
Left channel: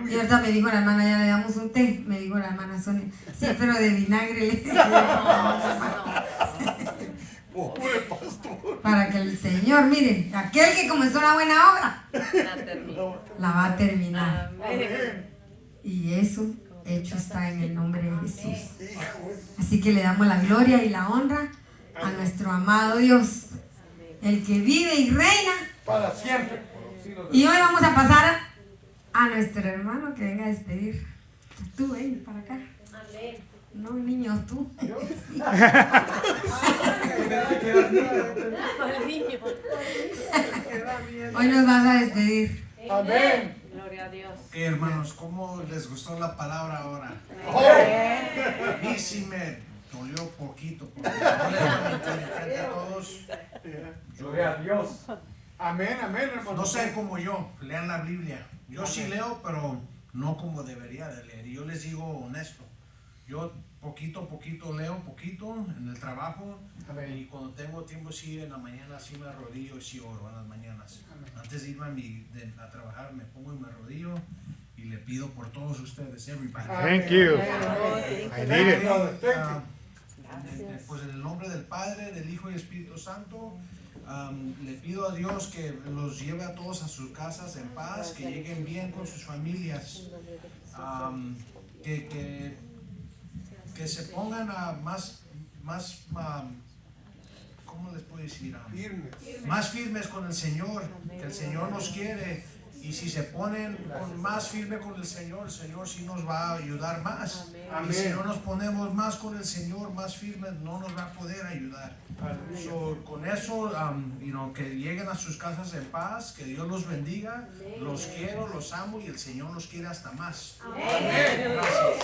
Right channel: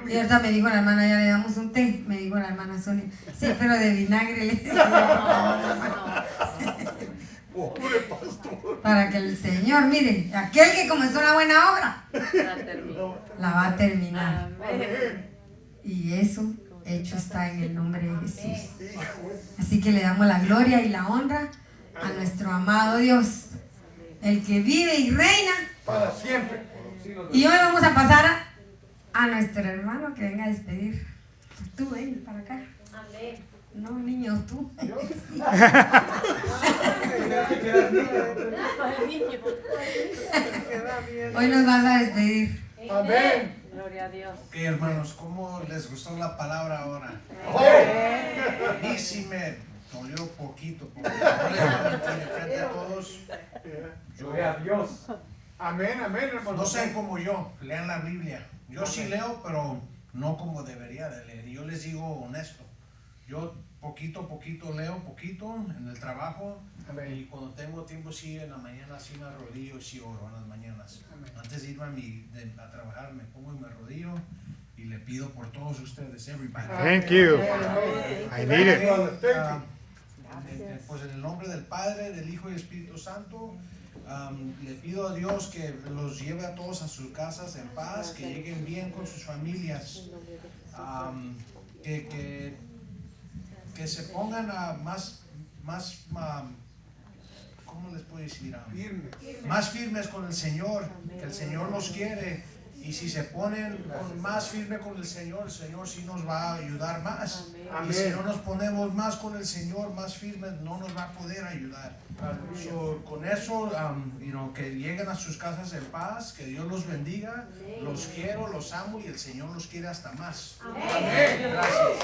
Y ahorita me dijo la hermana, ya le damos un té, me dijo la hermana Sonia, sí, pero de vinagre le dije. Para que el Señor, mire, aquel que comenzó una buena obra, la va a terminar. Y eso hecho está en el nombre de Jesús. Así que le damos la gloria y la honra a nuestro amado Dios, el que vive y reina Para siempre. Y hoy vamos a pasar a nuestro hermano que venga a despedir. Tú, ven para acá. No, niño, tú. Hoy nos vas a despedir. Amén. Gloria a Dios. Ok, hermanos, ¿cómo les gustó la palabra ahora? A mí sí me dolió poquito, porque no les voy a mentir, frente a todos, Gloria a Dios. Amén, amén, hermano. no sean como yo, lean la Biblia. Yo sí leo, pero no como debería de leer. Y yo les digo honesto, yo poquito a poquito leo, poquito en el trabajo, y cuando tengo tiempo sí, en la mañana sí me arrodillo y sí oro en las mañanas. Antes de irme a trabajar me pongo y me arrodillo y le pido por todos ustedes, everybody. Thank you. I need it. Pues en el nombre del Padre, del Hijo y Espíritu Santo, le pido a Dios que los lleve a todos a sus casas en paz, que lleguen bien con sus familias, que se pongan ¿cómo les puedo decir? Más firmes con el Señor, que el Señor nos quiere. Y si se ponen más firme con el Señor sí nos va a ayudar más. Amén. Y si no nos ponemos más con el Señor, más firmes, no nos va a poder ayudar. So, con eso, que lleguen a sus casas en paz, que Dios los bendiga. Los quiero, los amo y el Señor los quiere hasta más. Gracias.